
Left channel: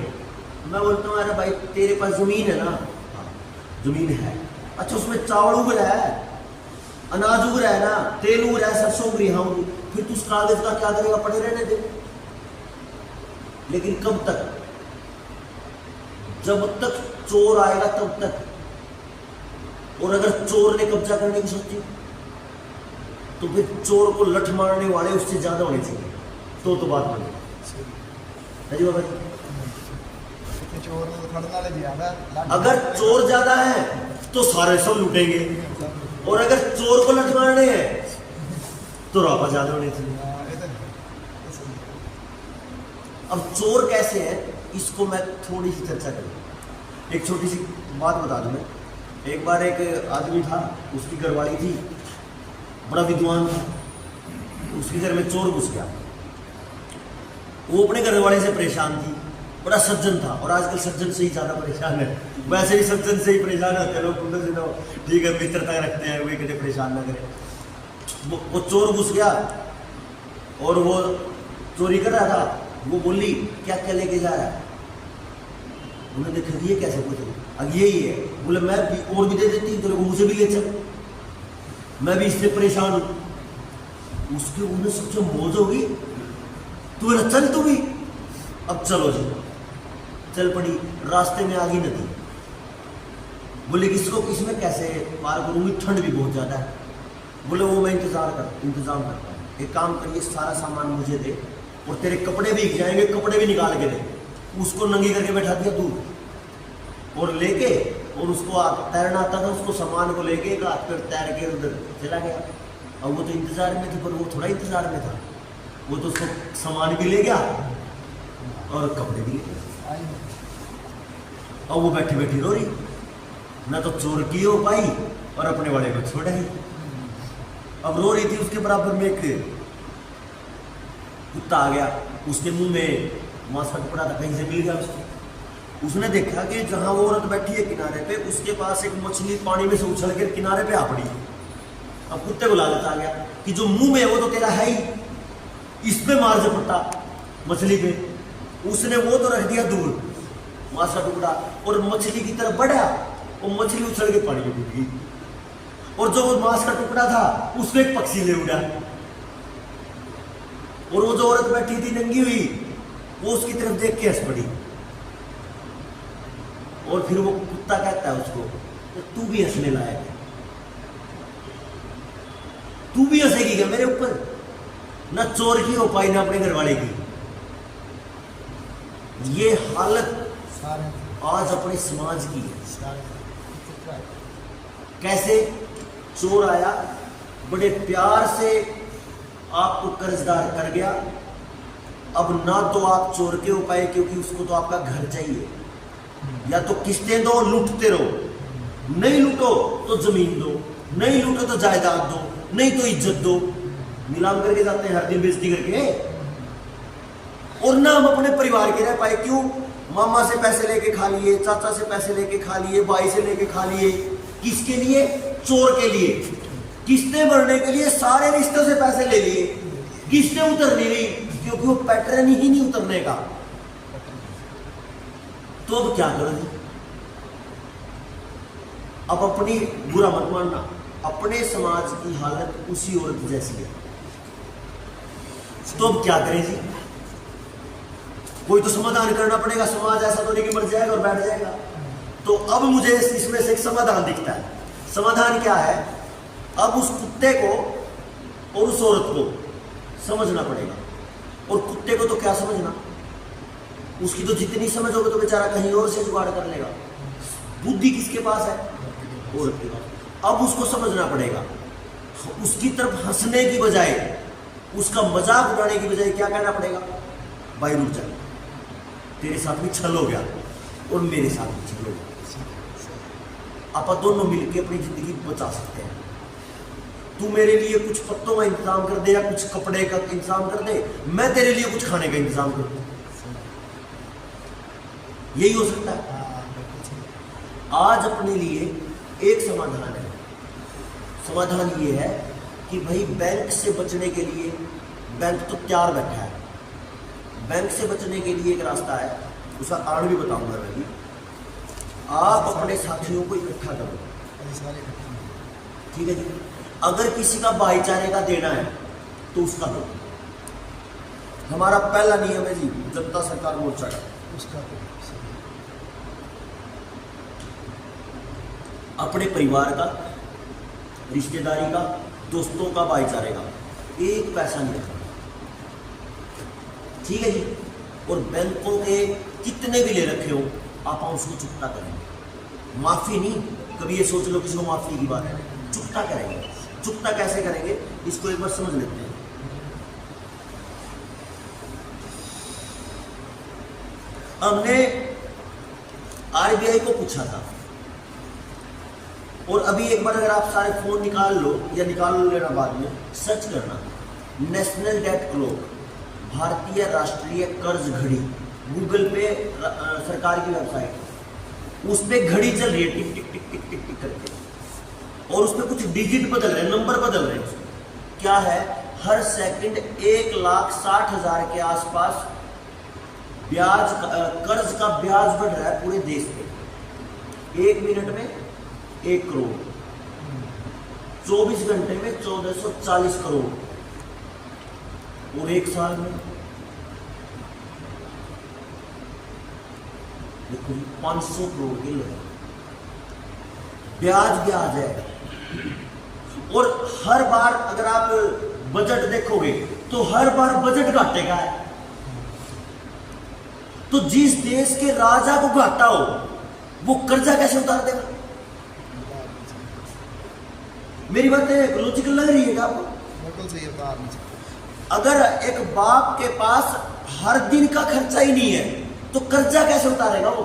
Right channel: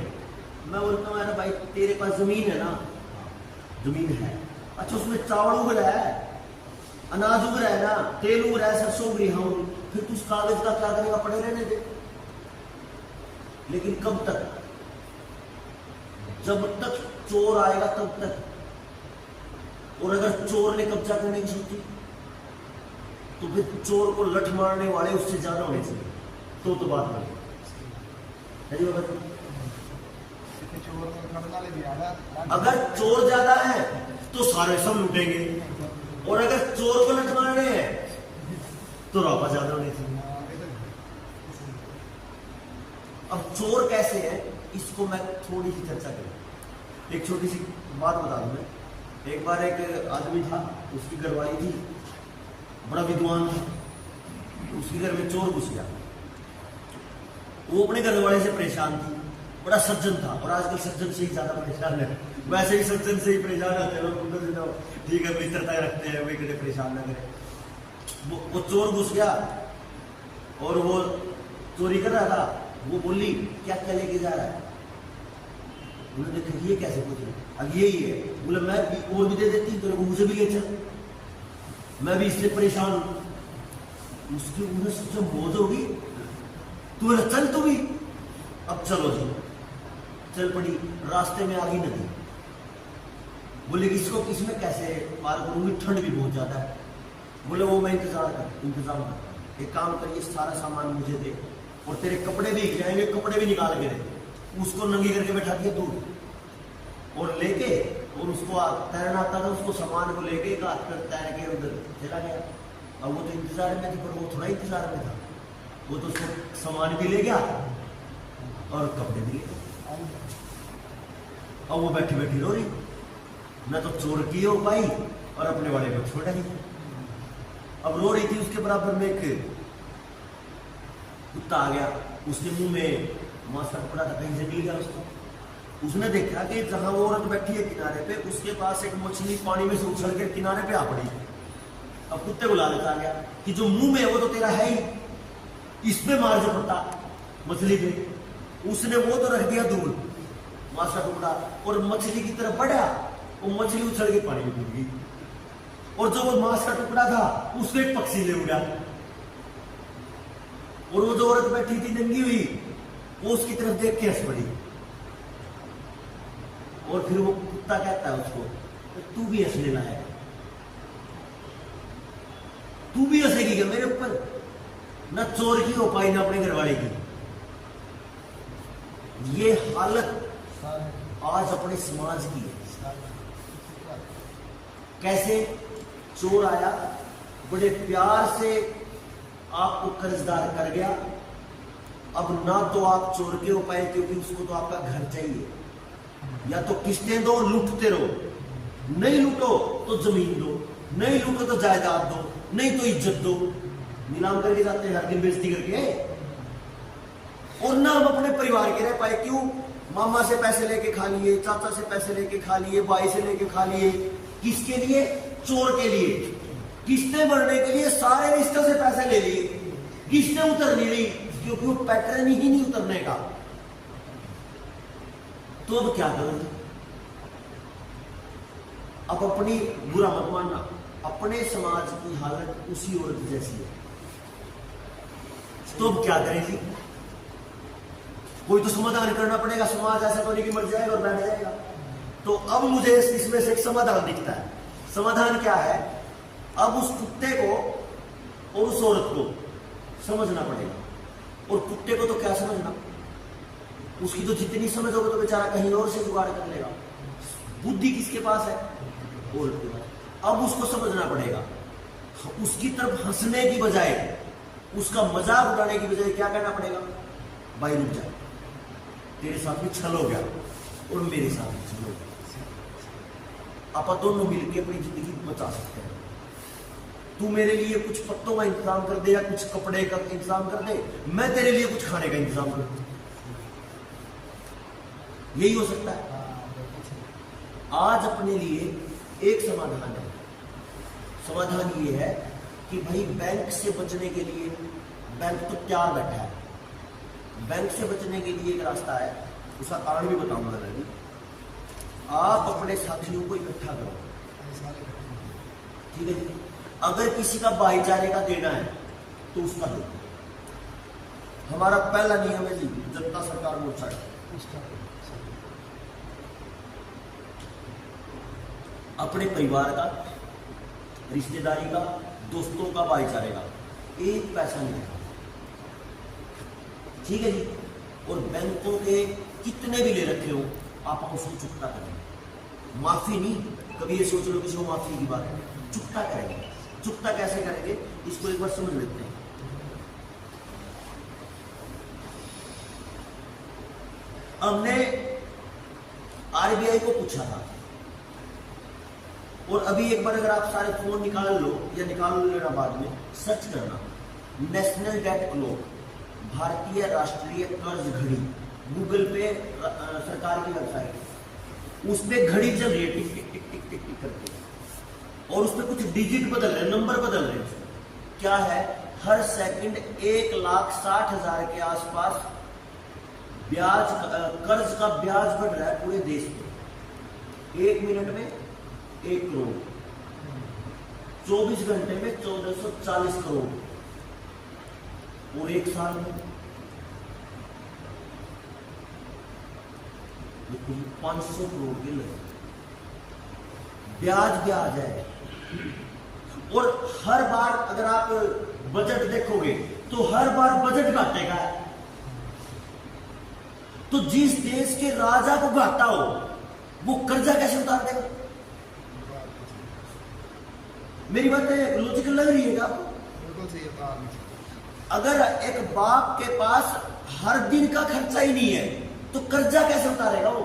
मैं बोलता हूं, अरे भाई तेरे पास जमीन है ना? हाँ, जमीन है। अच्छा, उसमें चावल उग रहा है, अनाज उग रहा है ना, तेल उग रहा है, सरसों उग रही है, फिर तू उस कागज का क्या करेगा? पड़े रहने दे। लेकिन कब तक? जब तक चोर आएगा तब तक। और अगर चोर ने कब्जा करने की सोची तो फिर चोर को लठ मारने वाले उससे ज्यादा होने चाहिए, तो बात बने। अगर चोर ज्यादा है तो सारे सब लूटेंगे, और अगर चोर को लठ मारने हैं तो रापा ज्यादा होने चाहिए। अब चोर कैसे है, इसको मैं थोड़ी सी चर्चा करूं। एक छोटी सी बात बता दूं मैं। एक बार एक आदमी था, उसकी घरवाली थी, बड़ा विद्वान था, उसके घर में चोर घुस गया। वो अपने घरवाले से परेशान थी, बड़ा सज्जन था, और आजकल सज्जन से ही ज्यादा परेशान है। वैसे भी सज्जन से ही परेशान होते हैं लोग, ठीक है मित्रता रखते हैं, वे कभी परेशान ना करें। वो चोर घुस गया और वो चोरी कर रहा था। वो बोली क्या क्या लेके जा रहा है? उन्होंने देखा ये कैसे पूछे, अब यही है। बोले मैं भी और भी दे देती, तो मुझे भी ले चल, मैं भी इससे परेशान हूं। उसके उन्हें सोचा मौज होगी, तुम्हें चल तू भी। अब चलो जी, चल पड़ी। रास्ते में आ गई नदी। बोले इसको इसमें कैसे पार करूंगी, ठंड भी बहुत ज्यादा है। बोले वो मैं इंतजाम करता हूँ, एक काम करिए, सारा सामान मुझे दे, और तेरे कपड़े भी खिलाएंगे, कपड़े भी निकाल के दे। उसको नंगी करके बैठा दिया दूर, और लेके, और उसको तैरना आता था, उसको सामान को लेके एक हाथ पर तैर के उधर चला गया। अब वो तो इंतजार में थी, पर वो थोड़ा इंतजार में था, वो तो उसको सामान भी ले गया और कपड़े भी ले गया। अब वो बैठी बैठी रो रही, मैं तो चोर की हो पाई और अपने वाले को छोड़ा ही। अब रो रही थी, उसके बराबर में एक कुत्ता आ गया, उसने मुंह में मांस का टुकड़ा था, कहीं से मिल गया उसको। उसने देखा कि जहां वो औरत बैठी है किनारे पे, उसके पास एक मछली पानी में से उछल के किनारे पे आ पड़ी। अब कुत्ते को लालच आ गया कि जो मुंह में है वो तो तेरा है ही, इस पे मार झपटा मछली पे। उसने वो तो रख दिया दूर मांस का टुकड़ा, और मछली की तरफ बढ़ा, वो मछली उछल के पानी में डूब गई। और जो वो मांस का टुकड़ा था उसको एक पक्षी ले उड़ा, और वो जो औरत बैठी थी नंगी हुई, वो उसकी तरफ देख के हंस पड़ी। और फिर वो कुत्ता कहता है उसको, तू भी हंसने लायक है, तू भी हंसेगी क्या मेरे ऊपर? ना चोर की हो पाई ना अपने घर वाले की। ये हालत सारे आज अपने समाज की है। सारे कैसे? चोर आया, बड़े प्यार से आपको कर्जदार कर गया। अब ना तो आप चोर के हो पाए क्योंकि उसको तो आपका घर चाहिए, या तो किस्तें दो, लूटते रहो, नहीं लूटो तो जमीन दो, नहीं लूटो तो जायदाद दो, नहीं तो इज्जत दो। नीलाम करके जाते हैं हर दिन बेइज्जती करके। और ना हम अपने परिवार के रह पाए, क्यों? मामा से पैसे लेके खा लिए, चाचा से पैसे लेके खा लिए, भाई से लेके खा लिए। किसके लिए? चोर के लिए। किस्तें भरने के लिए सारे रिश्तों से पैसे ले लिए, किस्तें उतर नहीं रही क्योंकि वो पैटर्न ही नहीं उतरने का। तो अब क्या करें? अब अपनी बुरा मत मानना, अपने समाज की हालत उसी औरत जैसी है। तो अब क्या करें जी? कोई तो समाधान करना पड़ेगा। समाज ऐसा तो नहीं कि मर जाएगा और बैठ जाएगा। तो अब मुझे इसमें से एक समाधान दिखता है। समाधान क्या है? अब उस कुत्ते को और उस औरत को समझना पड़ेगा। और कुत्ते को तो क्या समझना, उसकी तो जितनी समझ होगी तो बेचारा कहीं और से जुगाड़ कर लेगा। बुद्धि किसके पास है? औरत के पास। अब उसको समझना पड़ेगा, उसकी तरफ हंसने की बजाय, उसका मजाक उड़ाने की बजाय क्या कहना पड़ेगा? भाई रुक जा, तेरे साथ भी छल हो गया और मेरे साथ भी छल हो गया। आप दोनों मिलकर अपनी जिंदगी बचा सकते हैं। तू मेरे लिए कुछ पत्तों का इंतजाम कर दे या कुछ कपड़े का इंतजाम कर दे, मैं तेरे लिए कुछ खाने का इंतजाम कर दूं। यही हो सकता है। आज अपने लिए एक समाधान है। समाधान ये है कि भाई बैंक से बचने के लिए, बैंक तो तैयार बैठा है, बैंक से बचने के लिए एक रास्ता है, उसका कारण भी बताऊंगा मैं भी। आप अपने साथियों को इकट्ठा करो, ठीक है जी। अगर किसी का भाईचारे का देना है तो उसका दो। हमारा पहला नियम है जी जनता सरकार मोर्चा का, उसका अपने परिवार का, रिश्तेदारी का, दोस्तों का, भाईचारे का एक पैसा नहीं रखना, ठीक है जी। और बैंकों के कितने भी ले रखे हो आप उसको चुकता करेंगे। माफी नहीं, कभी ये सोच लो किसी को माफी की बात है, चुकता करेंगे। चुकता कैसे करेंगे इसको एक बार समझ लेते हैं। हमने आरबीआई को पूछा था, और अभी एक बार अगर आप सारे फोन निकाल लो या निकाल लेना बाद में, सर्च करना नेशनल डेट क्लॉक, भारतीय राष्ट्रीय कर्ज घड़ी, गूगल पे सरकार की वेबसाइट, उस पे घड़ी चल रही है टिक टिक टिक टिक टिक टिक करके, और उस पे कुछ डिजिट बदल रहे हैं, नंबर बदल रहे हैं। क्या है? हर सेकंड 1,60,000 के आसपास ब्याज, कर्ज का ब्याज बढ़ रहा है पूरे देश पे। 1 मिनट में 1 करोड़, 24 घंटे में 1440 करोड़, और 1 साल में देखो 500 करोड़ के लगे। ब्याज है। और हर बार अगर आप बजट देखोगे तो हर बार बजट घाटे का है। तो जिस देश के राजा को घाटा हो वो कर्जा कैसे उतार देगा? मेरी बात लॉजिकल लग रही है आपको? बिल्कुल सही है। अगर एक बाप के पास हर दिन का खर्चा ही नहीं है तो कर्जा कैसे उतारेगा वो?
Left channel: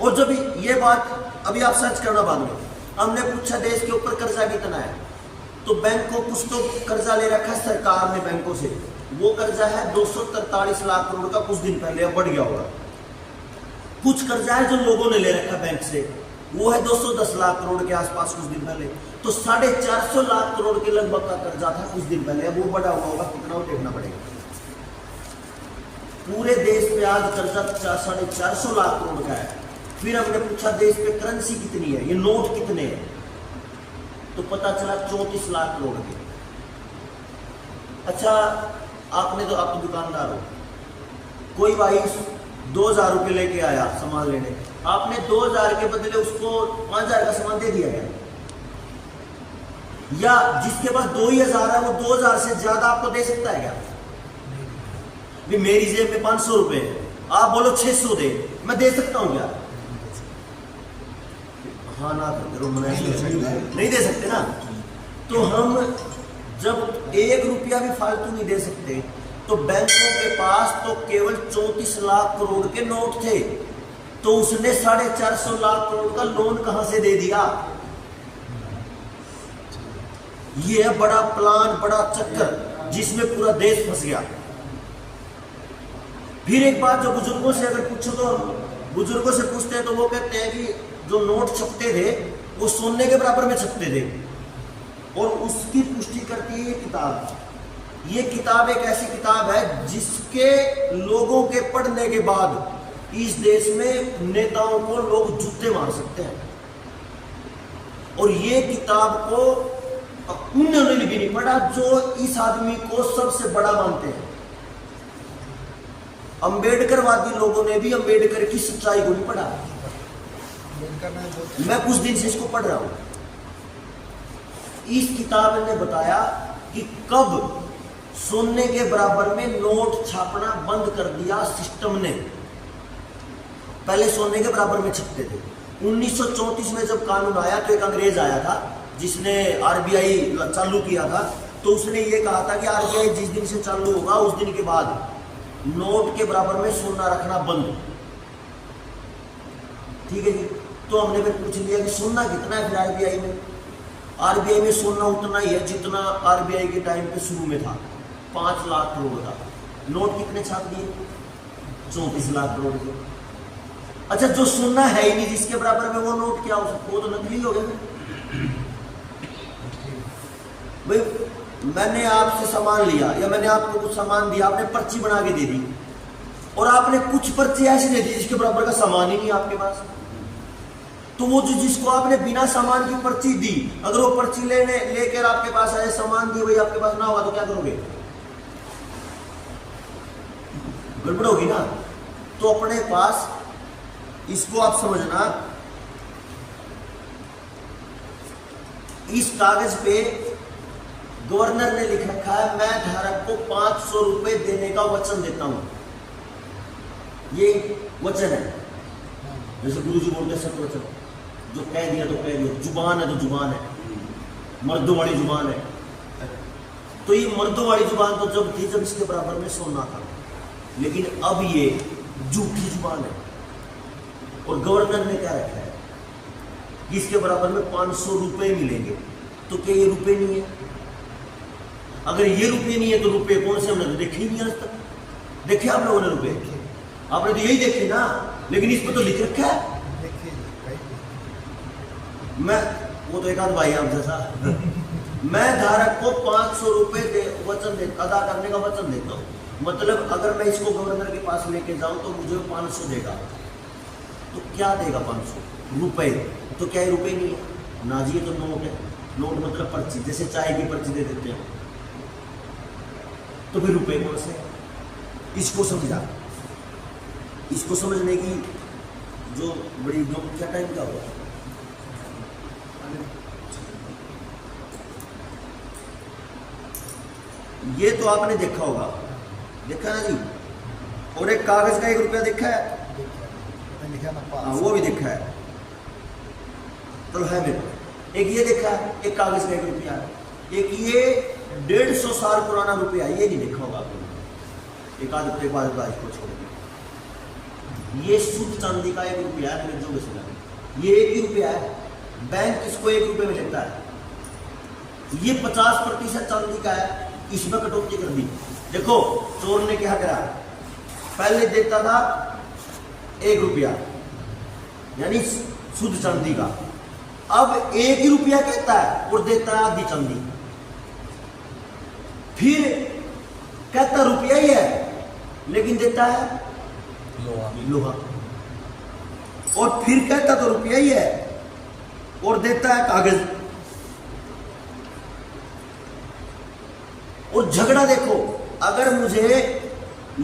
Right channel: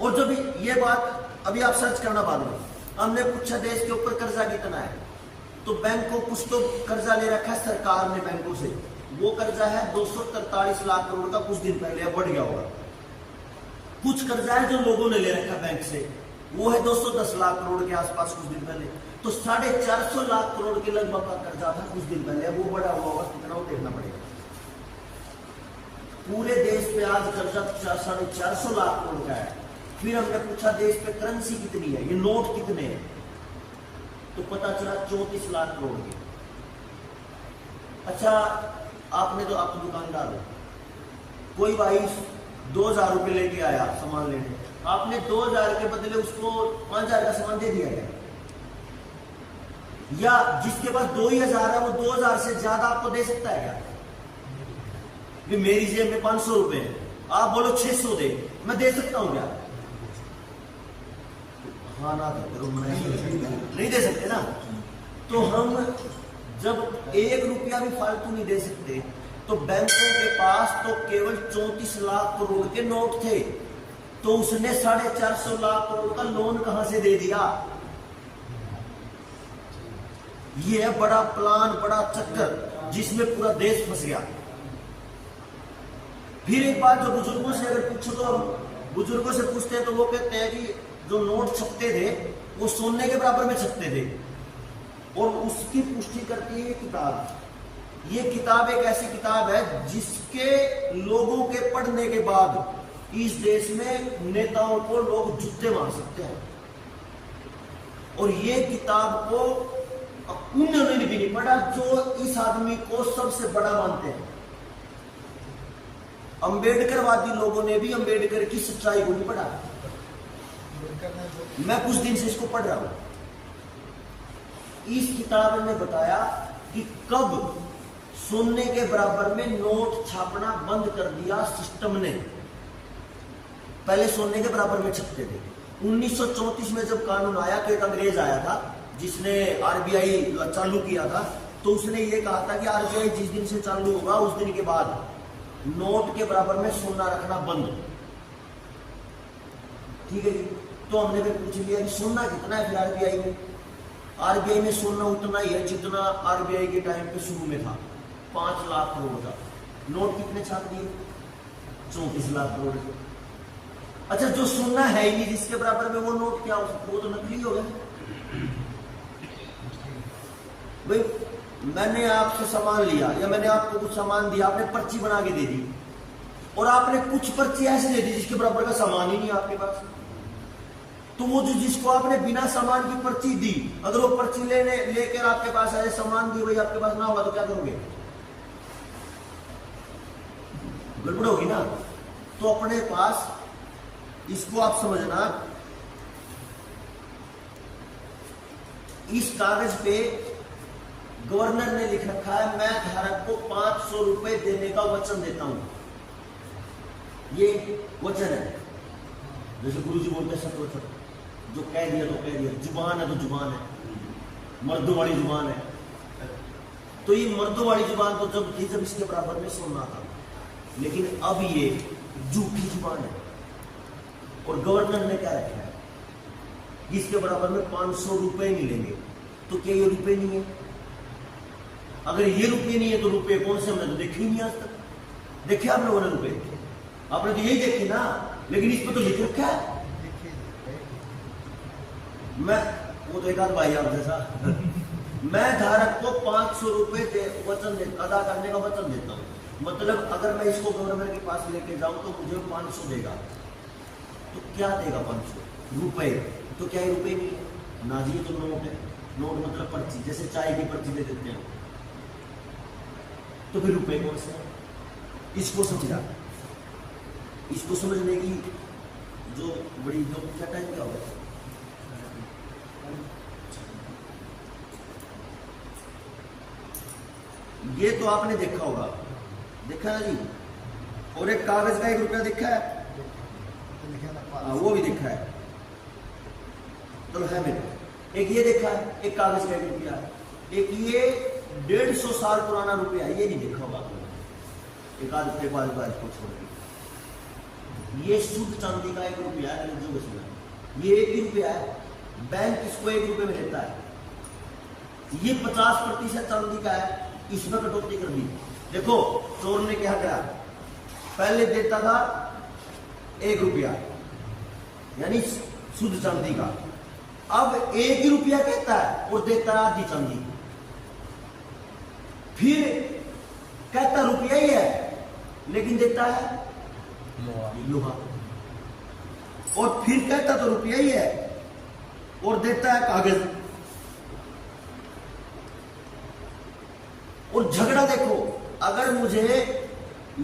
और जब ये बात अभी आप सर्च करना बाद में। हमने पूछा देश के ऊपर कर्जा कितना है, तो बैंक को कुछ तो कर्जा ले रखा है सरकार ने बैंकों से, वो कर्जा है 243 लाख करोड़ का, कुछ दिन पहले, अब बढ़ गया होगा। कुछ कर्जा है जो लोगों ने ले रखा बैंक से, वो है 210 लाख करोड़ के आसपास कुछ दिन पहले, तो 450 लाख करोड़ के लगभग का कर्जा था कुछ दिन पहले, वो बढ़ा हुआ होगा कितना, वो देखना पड़ेगा। पूरे देश पे आज कर्जा 450 लाख करोड़ का है। फिर हमने पूछा देश पे करेंसी कितनी है, ये नोट कितने हैं, तो पता चला 34 लाख करोड़ के। अच्छा, आपने तो, आप दुकानदार हो, कोई भाई 2000 रुपये लेके आया सामान लेने, आपने 2000 के बदले उसको 5000 का सामान दे दिया गया, या जिसके पास 2000 है वो 2000 से ज्यादा आपको दे सकता है क्या? भी मेरी जेब में 500 रुपए है, आप बोलो 600 दे, मैं दे सकता हूं क्या? हाँ ना करो, नहीं दे सकते ना। तो हम जब 1 रुपया भी फालतू नहीं दे सकते, तो बैंकों के पास तो केवल 34 लाख करोड़ के नोट थे, तो उसने 450 लाख करोड़ का लोन कहां से दे दिया? ये है बड़ा प्लान, बड़ा चक्कर, जिसमें पूरा देश फंस गया। फिर एक बात जो बुजुर्गों से अगर पूछो, तो बुजुर्गों से पूछते हैं तो वो कहते हैं कि जो नोट छपते थे वो सोने के बराबर में छपते थे, और उसकी पुष्टि करती है ये किताब। ये किताब एक ऐसी किताब है जिसके लोगों के पढ़ने के बाद इस देश में नेताओं को लोग जूते मार सकते हैं। और ये किताब को उन्होंने भी नहीं पढ़ा जो इस आदमी को सबसे बड़ा मानते हैं। अंबेडकरवादी लोगों ने भी अंबेडकर की सच्चाई को नहीं पढ़ा। मैं कुछ दिन से इसको पढ़ रहा हूं। इस किताब ने बताया कि कब सोने के बराबर में नोट छापना बंद कर दिया सिस्टम ने। पहले सोने के बराबर में छपते थे। 1934 में जब कानून आया तो एक अंग्रेज आया था जिसने आरबीआई चालू किया था, तो उसने ये कहा था कि आरबीआई जिस दिन से चालू होगा उस दिन के बाद नोट के बराबर में सोना रखना बंद। ठीक है जी। तो हमने फिर पूछ लिया कि सोना कितना है फिर आरबीआई में। आरबीआई में सोना उतना ही है जितना आरबीआई के टाइम पे शुरू में था, 5 लाख करोड़ का। नोट कितने छाप दिए? 34 लाख करोड़ के। अच्छा, जो सोना है ही नहीं जिसके बराबर में, वो नोट क्या हो सकता? वो तो नकली हो गए। भाई मैंने आपसे सामान लिया या मैंने आपको कुछ सामान दिया, आपने पर्ची बना के दे दी, और आपने कुछ पर्ची ऐसी दे दी जिसके बराबर का सामान ही नहीं आपके पास, तो वो जो जिसको आपने बिना सामान की पर्ची दी, अगर वो पर्ची लेकर आपके पास आए, सामान दी वही आपके पास ना होगा, तो क्या करोगे? गड़बड़ होगी ना। तो अपने पास, इसको आप समझना, इस कागज पे गवर्नर ने लिख रखा है, मैं धारक को 500 रुपए देने का वचन देता हूं। ये वचन है, जैसे गुरुजी बोलते सत्य वचन, जो कह दिया तो कह दिया, जुबान है तो जुबान है, मर्दों वाली जुबान है। तो ये मर्दों वाली जुबान तो जब थी जब इसके बराबर में सोना था, लेकिन अब ये झूठी जुबान है। और गवर्नर ने क्या रखा है कि इसके बराबर में 500 रुपए मिलेंगे, तो क्या ये रुपए नहीं है? अगर ये रुपये नहीं है तो रुपये कौन से? हमने तो देखे ही नहीं आज तक। देखे आप लोगों ने रुपये? आपने तो यही देखे ना, लेकिन इस पर तो लिख रखा है। मैं, वो तो एक आध भाई आप जैसा मैं धारक को 500 रुपए वचन अदा करने का वचन देता हूँ। मतलब अगर मैं इसको गवर्नर के पास लेके जाऊं तो मुझे 500 देगा, तो क्या देगा? 500 रुपए। तो क्या रुपए नहीं है ना जी, ये तो नोट है। नोट मतलब पर्ची, जैसे चाय की पर्ची दे देते हैं, तो फिर रुपए कौन से? इसको समझा। इसको समझने की जो बड़ी क्या टाइम क्या होगा? ये तो आपने देखा होगा, देखा ना जी। और एक कागज का 1 रुपया देखा है? हाँ, वो भी देखा है, तो है मेरे को। एक ये देखा है, एक कागज का 1 रुपया। एक ये 150 साल पुराना रुपया, ये नहीं देखा होगा आपने। एक आध इसको छोड़ के ये शुद्ध चांदी का 1 रुपया है, जो बेच लगा। ये 1 ही रुपया है, बैंक इसको 1 रुपये में लेता है। ये 50% चांदी का है, इसमें कटौती कर दी। देखो चोर ने क्या करा, पहले देता था 1 रुपया यानी शुद्ध चांदी का, अब 1 ही रुपया कहता है और देता है आधी चांदी। फिर कहता रुपया ही है लेकिन देता है लोहा। और फिर कहता तो रुपया ही है और देता है कागज। और झगड़ा देखो, अगर मुझे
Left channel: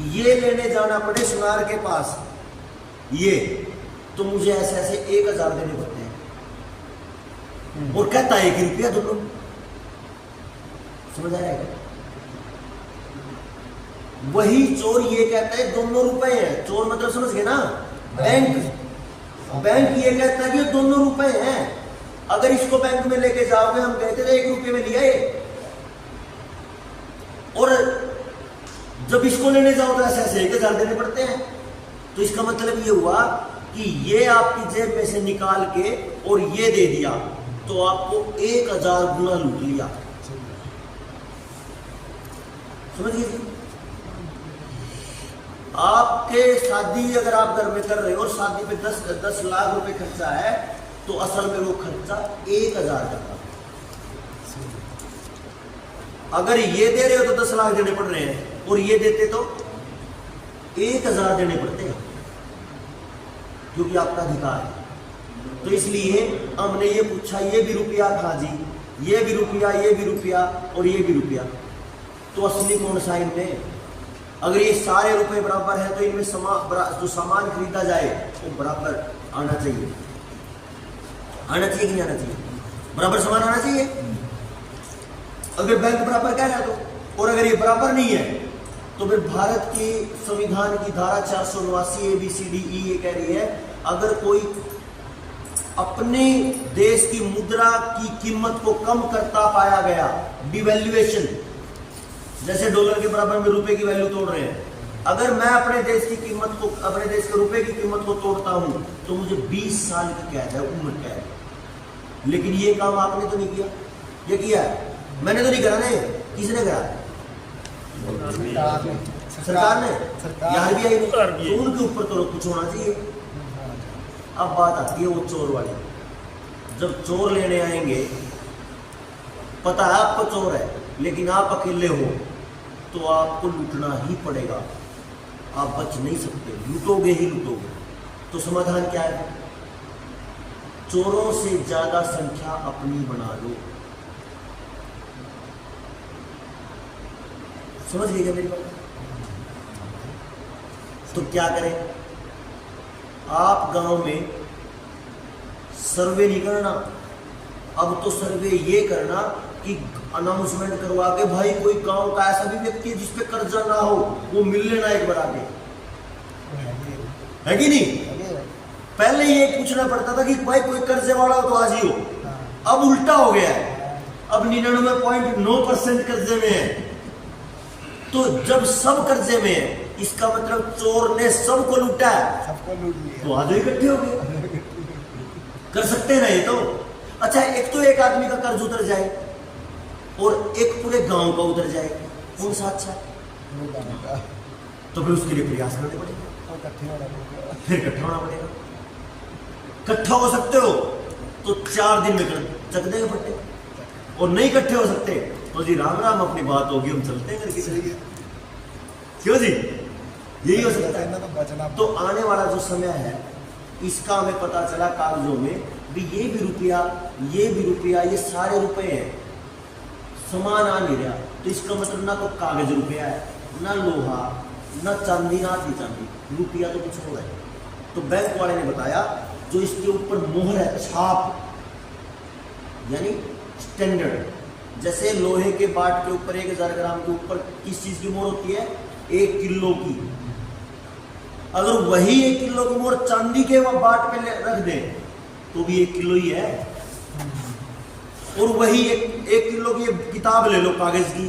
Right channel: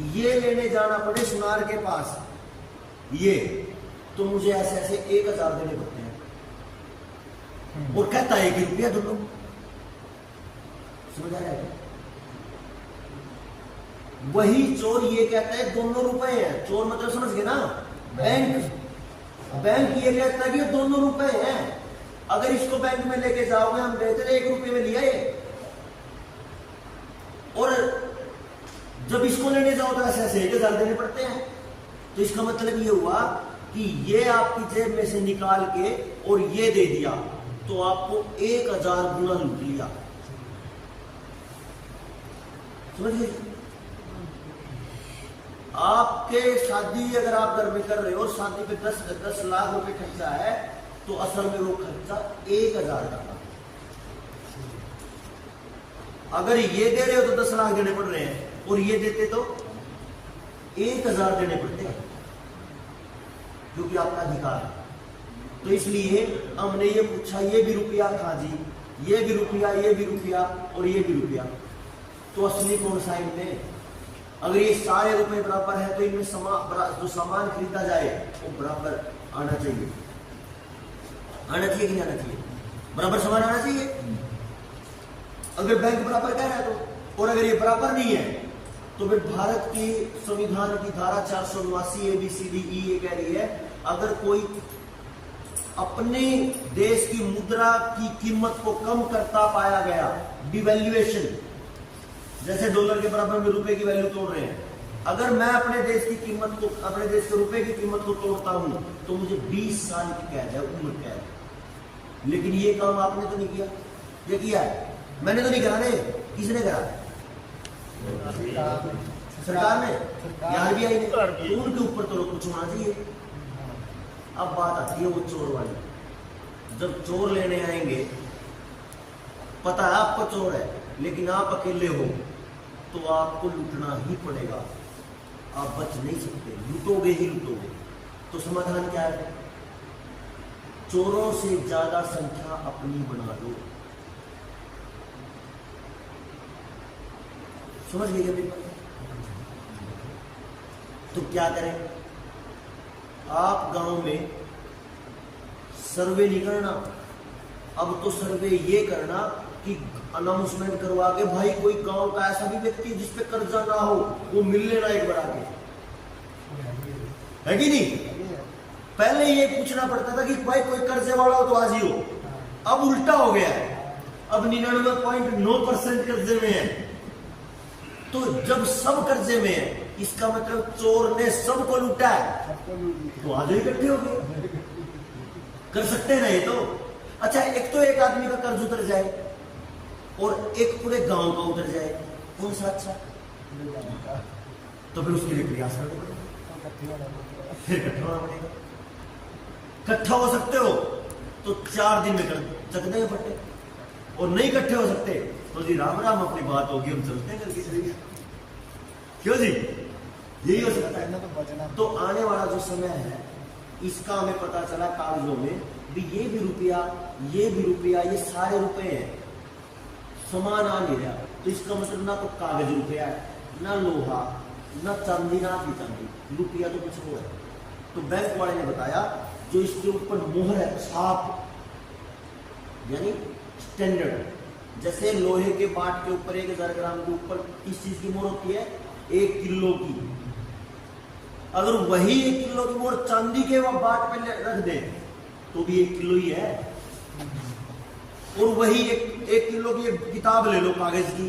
ये लेने जाना पड़े सुनार के पास ये, तो मुझे ऐसे ऐसे 1000 देने पड़ते हैं और कहता है 1 रुपया दोनों। समझ आया? वही चोर ये कहता है दोनों रुपए हैं। चोर मतलब समझ गए ना, बैंक ये कहता है कि दोनों रुपए हैं। अगर इसको बैंक में लेके जाओगे, हम कहते थे 1 रुपये में लिया ये, और जब इसको लेने जाओ तो ऐसे ऐसे 1000 देने पड़ते हैं। तो इसका मतलब ये हुआ कि ये आपकी जेब में से निकाल के और ये दे दिया तो आपको 1000 गुना लूट लिया। समझ गए? आपके शादी अगर आप घर में कर रहे हो और शादी पे 10 लाख रुपए खर्चा है, तो असल में वो खर्चा 1000 का था। अगर ये दे रहे हो तो 10 लाख देने पड़ रहे हैं, और ये देते तो 1000 देने पड़ते हैं, क्योंकि आपका अधिकार है। तो इसलिए हमने ये पूछा, ये भी रुपया था जी, ये भी रुपया, ये भी रुपया और ये भी रुपया, तो असली कौन सा इनमें? अगर ये सारे रुपए बराबर है तो इनमें जो सामान खरीदा जाए वो बराबर आना चाहिए। आना चाहिए कि नहीं आना चाहिए? बराबर सामान आना चाहिए। अगर बैंक बराबर कह रहा है तो, और अगर ये बराबर नहीं है तो फिर भारत के संविधान की धारा 489 ABCDE ये कह रही है, अगर कोई अपने देश की मुद्रा की कीमत को कम करता पाया गया, डिवैल्यूएशन, जैसे डॉलर के बराबर में रुपए की वैल्यू तोड़ रहे हैं, अगर मैं अपने देश की कीमत को, अपने देश के रुपए की कीमत को तोड़ता हूं तो मुझे 20 साल की कैद है, उम्र कैद। लेकिन ये काम आपने तो नहीं किया, ये किया है? मैंने तो नहीं करा ने, किसने करा? सरकार ने, RBI ने। तो उनके ऊपर तो कुछ होना चाहिए। अब बात आती है वो चोर वाली। जब चोर लेने आएंगे, पता है आपको चोर है, लेकिन आप अकेले हो तो आपको लूटना ही पड़ेगा, आप बच नहीं सकते, लूटोगे ही लूटोगे। तो समाधान क्या है? चोरों से ज्यादा संख्या अपनी बना लो। समझ गए क्या मेरी बात? तो क्या करें? आप गांव में सर्वे नहीं करना, अब तो सर्वे ये करना कि अनाउंसमेंट करवा के, भाई कोई गांव का ऐसा भी व्यक्ति जिसपे कर्जा ना हो, वो मिल लेना एक बार आगे, है कि नहीं? पहले ये पूछना पड़ता था कि भाई कोई कर्जे वाला हो तो आज ही हो। अब उल्टा हो गया है, अब 99.9% कर्जे में है। तो जब सब कर्जे में है, इसका मतलब चोर ने सबको लूटा है, सबको लूट लिया, तो आधे इकट्ठे हो गए। कर सकते हैं ना ये तो? अच्छा, एक तो एक आदमी का कर्ज उतर जाए और एक पूरे गांव का उतर जाए, कौन सा अच्छा है? तो फिर उसके लिए प्रयास करने पड़ेगा, फिर इकट्ठा होना पड़ेगा। इकट्ठा हो सकते हो तो 4 दिन में चक देंगे फट्टे, और नहीं इकट्ठे हो सकते तो जी राम राम, अपनी बात होगी, हम चलते हैं करके। सही है। क्यों जी? यही हो सकता है। तो आने वाला जो समय है, इसका हमें पता चला कागजों में भी, ये भी रुपया, ये भी रुपया, ये सारे रुपए हैं, समान आ नहीं रहा। तो इसका मतलब ना तो कागज रुपया है, ना लोहा, ना चांदी, ना आधी चांदी, रुपया तो कुछ हो गया। तो बैंक वाले ने बताया, जो इसके ऊपर मोहर है, छाप, यानी स्टैंडर्ड, जैसे लोहे के बाट के ऊपर 1000 ग्राम के ऊपर किस चीज की मोहर होती है? 1 किलो की। अगर वही 1 किलो की मोहर चांदी के बाट पे रख दे तो भी 1 किलो ही है। और वही 1 किलो की किताब ले लो कागज की,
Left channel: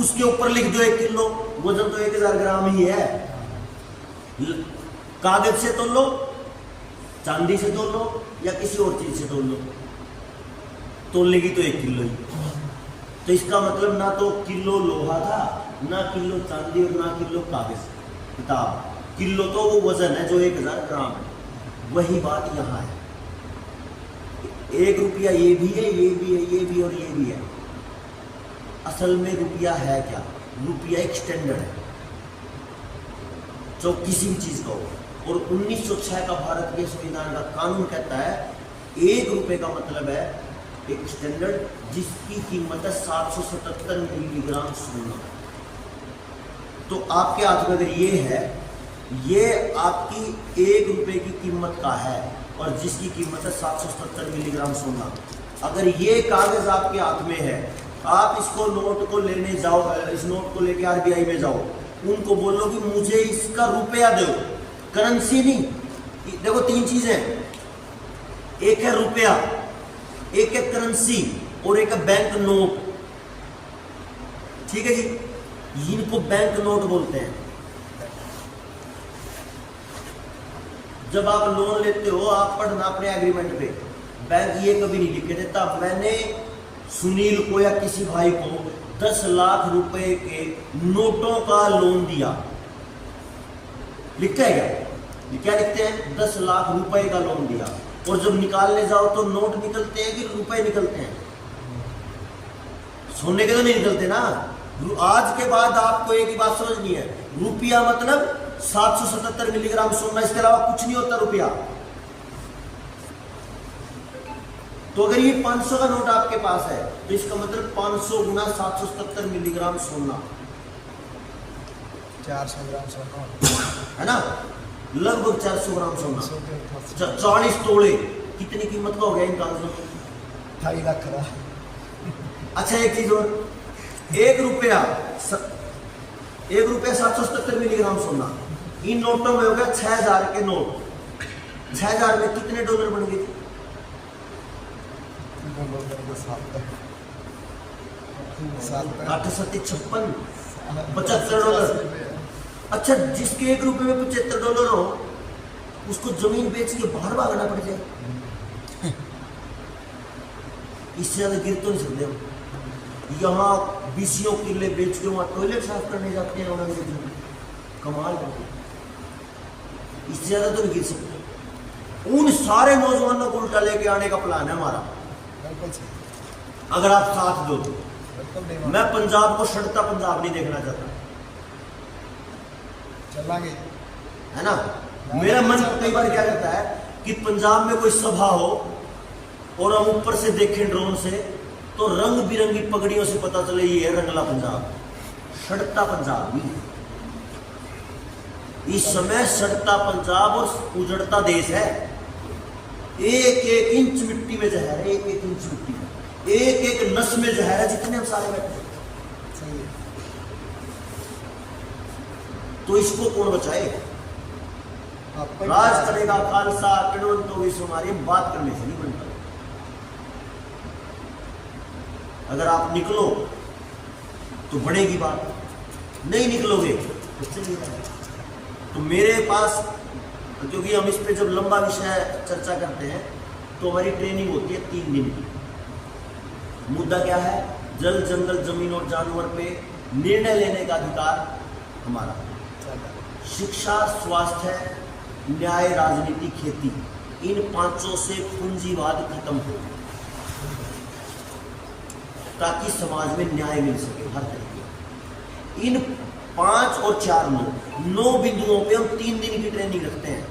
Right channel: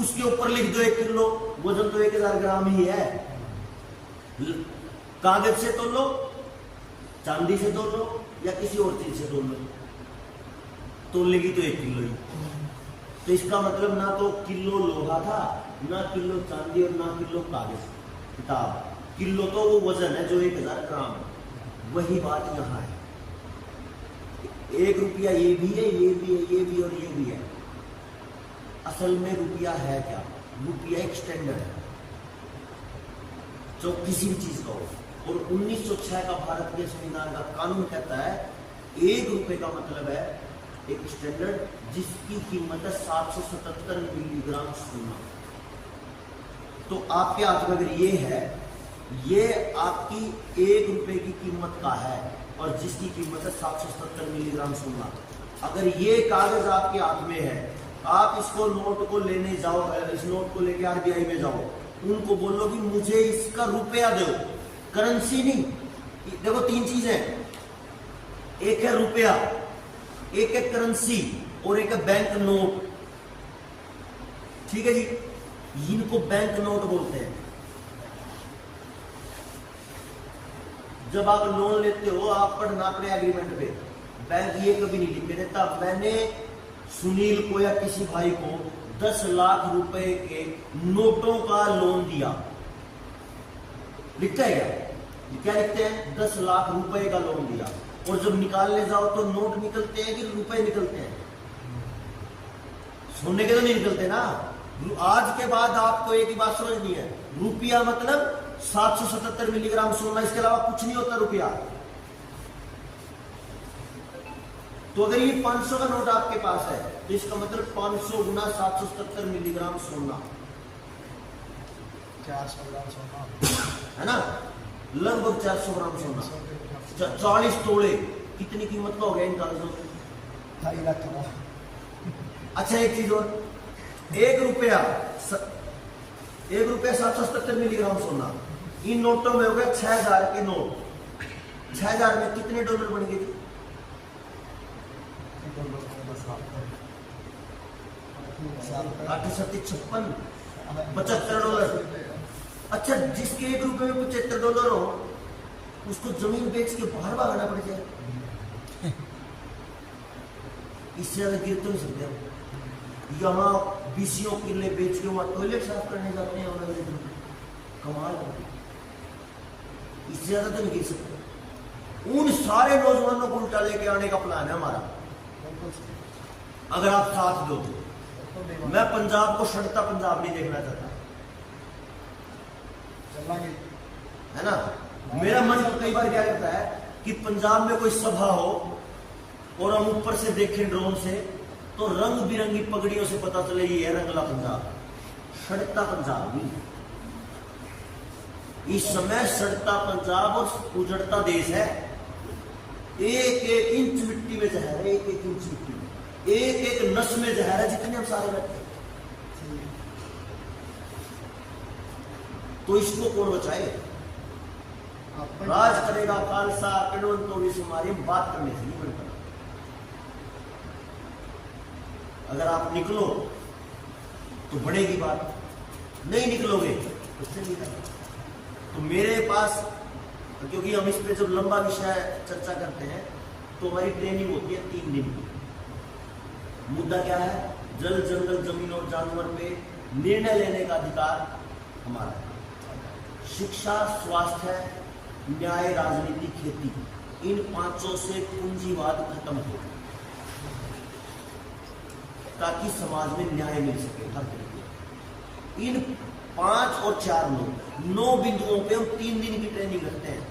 उसके ऊपर लिख दो 1 किलो, वजन तो 1000 ग्राम ही है। कागज से तो लो चांदी से तोल लो या किसी और चीज से तोल लो, तोलने की तो 1 किलो ही। तो इसका मतलब ना तो किलो लोहा था, ना किलो चांदी और ना किलो कागज किताब। किलो तो वो वजन है जो 1000 ग्राम है। वही बात यहाँ है, 1 रुपया ये भी है, ये भी है, ये भी और ये भी है। असल में रुपया है क्या? रुपया एक स्टैंडर्ड है जो किसी भी चीज का हो। और 1906 का भारत के संविधान का कानून कहता है 1 रुपए का मतलब है एक स्टैंडर्ड जिसकी कीमत है 777 मिलीग्राम सोना। तो आपके हाथ में अगर ये है, ये आपकी 1 रुपए की कीमत का है और जिसकी कीमत है 777 मिलीग्राम सोना। अगर ये कागज आपके हाथ में है, आप इसको नोट को लेने जाओ, इस नोट को लेके आरबीआई में जाओ, उनको बोलो कि मुझे इसका रुपया दो, करेंसी नहीं। देखो 3 चीजें, एक है रुपया, एक है करेंसी और एक है बैंक नोट। ठीक है जी, इनको बैंक नोट बोलते हैं। जब आप लोन लेते हो, आप पढ़ना अपने एग्रीमेंट पे, बैंक ये कभी नहीं लिख के देता मैंने सुनील को या किसी भाई को 10 लाख रुपए के नोटों का लोन दिया। लिखते हैं क्या? क्या लिखते हैं? 10 लाख रुपए का लोन दिया। और जब निकालने जाओ तो नोट निकलते हैं कि रुपए निकलते हैं? सोने के तो नहीं निकलते ना। आज के बाद आपको एक ही बात समझनी है, रुपया मतलब 777 मिलीग्राम सोना, इसके अलावा कुछ नहीं होता रुपया। तो अगर ये 500 का नोट आपके पास है तो इसका मतलब 500 गुना 777 मिलीग्राम सोना, 400 ग्राम सोना है ना, लगभग 400 ग्राम सोना, 40 तोड़े। कितनी कीमत का हो गया इन कागजों की? 2.5 लाख का। अच्छा एक चीज और, 1 रुपया 777 मिलीग्राम सोना, इन नोटों में हो गया 6000 के नोट। 6000 में कितने डॉलर बन गए? 8 7 56 75 डॉलर। अच्छा, जिसके 1 रुपए में 75 डॉलर हो, उसको जमीन बेच के बाहर भागना पड़ जाए। इससे ज्यादा गिर तो नहीं सकते हम। यहाँ 20 किले बेच के वहां टॉयलेट साफ करने जाते हैं और कमाल है। इससे ज्यादा तो नहीं गिर सकते। उन सारे नौजवानों को उल्टा लेके आने का प्लान है हमारा, अगर आप साथ दो तो। मैं पंजाब को सड़ता पंजाब नहीं देखना चाहता, चलेंगे, है ना। मेरा मन कई बार क्या करता है कि पंजाब में कोई सभा हो और हम ऊपर से देखें ड्रोन से, तो रंग बिरंगी पगड़ियों से पता चले ये है रंगला पंजाब, सड़ता पंजाब नहीं। इस समय सड़ता पंजाब और उजड़ता देश है। 1-1 इंच मिट्टी में जहर है, 1-1 इंच मिट्टी में, 1-1 नस में जहर है, जितने हम सारे बैठे। तो इसको कौन बचाए? राज करेगा खालसा किणवंतो विश्वमारी, बात करने से नहीं बनता। अगर आप निकलो तो बढ़ेगी बात, नहीं निकलोगे तो चलेगा। तो मेरे पास, क्योंकि हम इस पे जब लंबा विषय चर्चा करते हैं तो हमारी ट्रेनिंग होती है 3 दिन की। मुद्दा क्या है? जल जंगल जमीन और जानवर पे निर्णय लेने का अधिकार हमारा। शिक्षा, स्वास्थ्य, न्याय, राजनीति, खेती, इन 5 से पूंजीवाद खत्म हो, ताकि समाज में न्याय मिल सके हर तरह की। इन 5 और 4 9 बिंदुओं पे हम 3 दिन की ट्रेनिंग रखते हैं।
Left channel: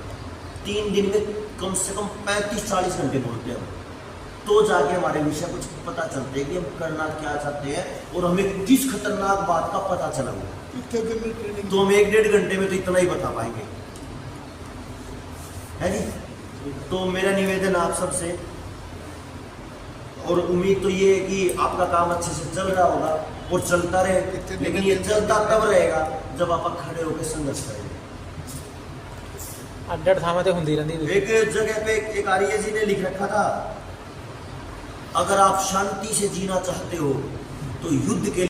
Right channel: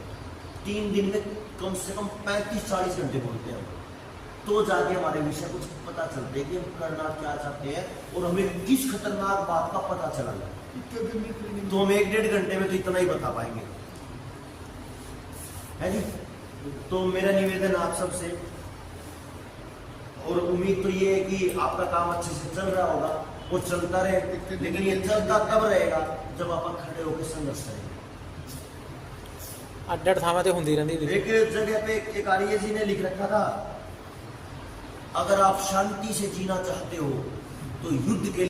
3 दिन में कम से कम 35-40 घंटे बोलते हैं, तो जाके हमारे विषय कुछ पता चलते हैं कि हम करना क्या चाहते हैं और हमें किस खतरनाक बात का पता चला हुआ। तो हम 1-1.5 घंटे में तो इतना ही बता पाएंगे, है जी। तो मेरा निवेदन आप सबसे, और उम्मीद तो ये है कि आपका काम अच्छे से चल रहा होगा और चलता रहे, लेकिन ये चलता तब रहेगा जब आप खड़े होकर संघर्ष करेंगे। अड्डर थामा ते हुंदी रहंदी। एक जगह पे एक आर्य जी ने लिख रखा था, अगर आप शांति से जीना चाहते हो तो युद्ध के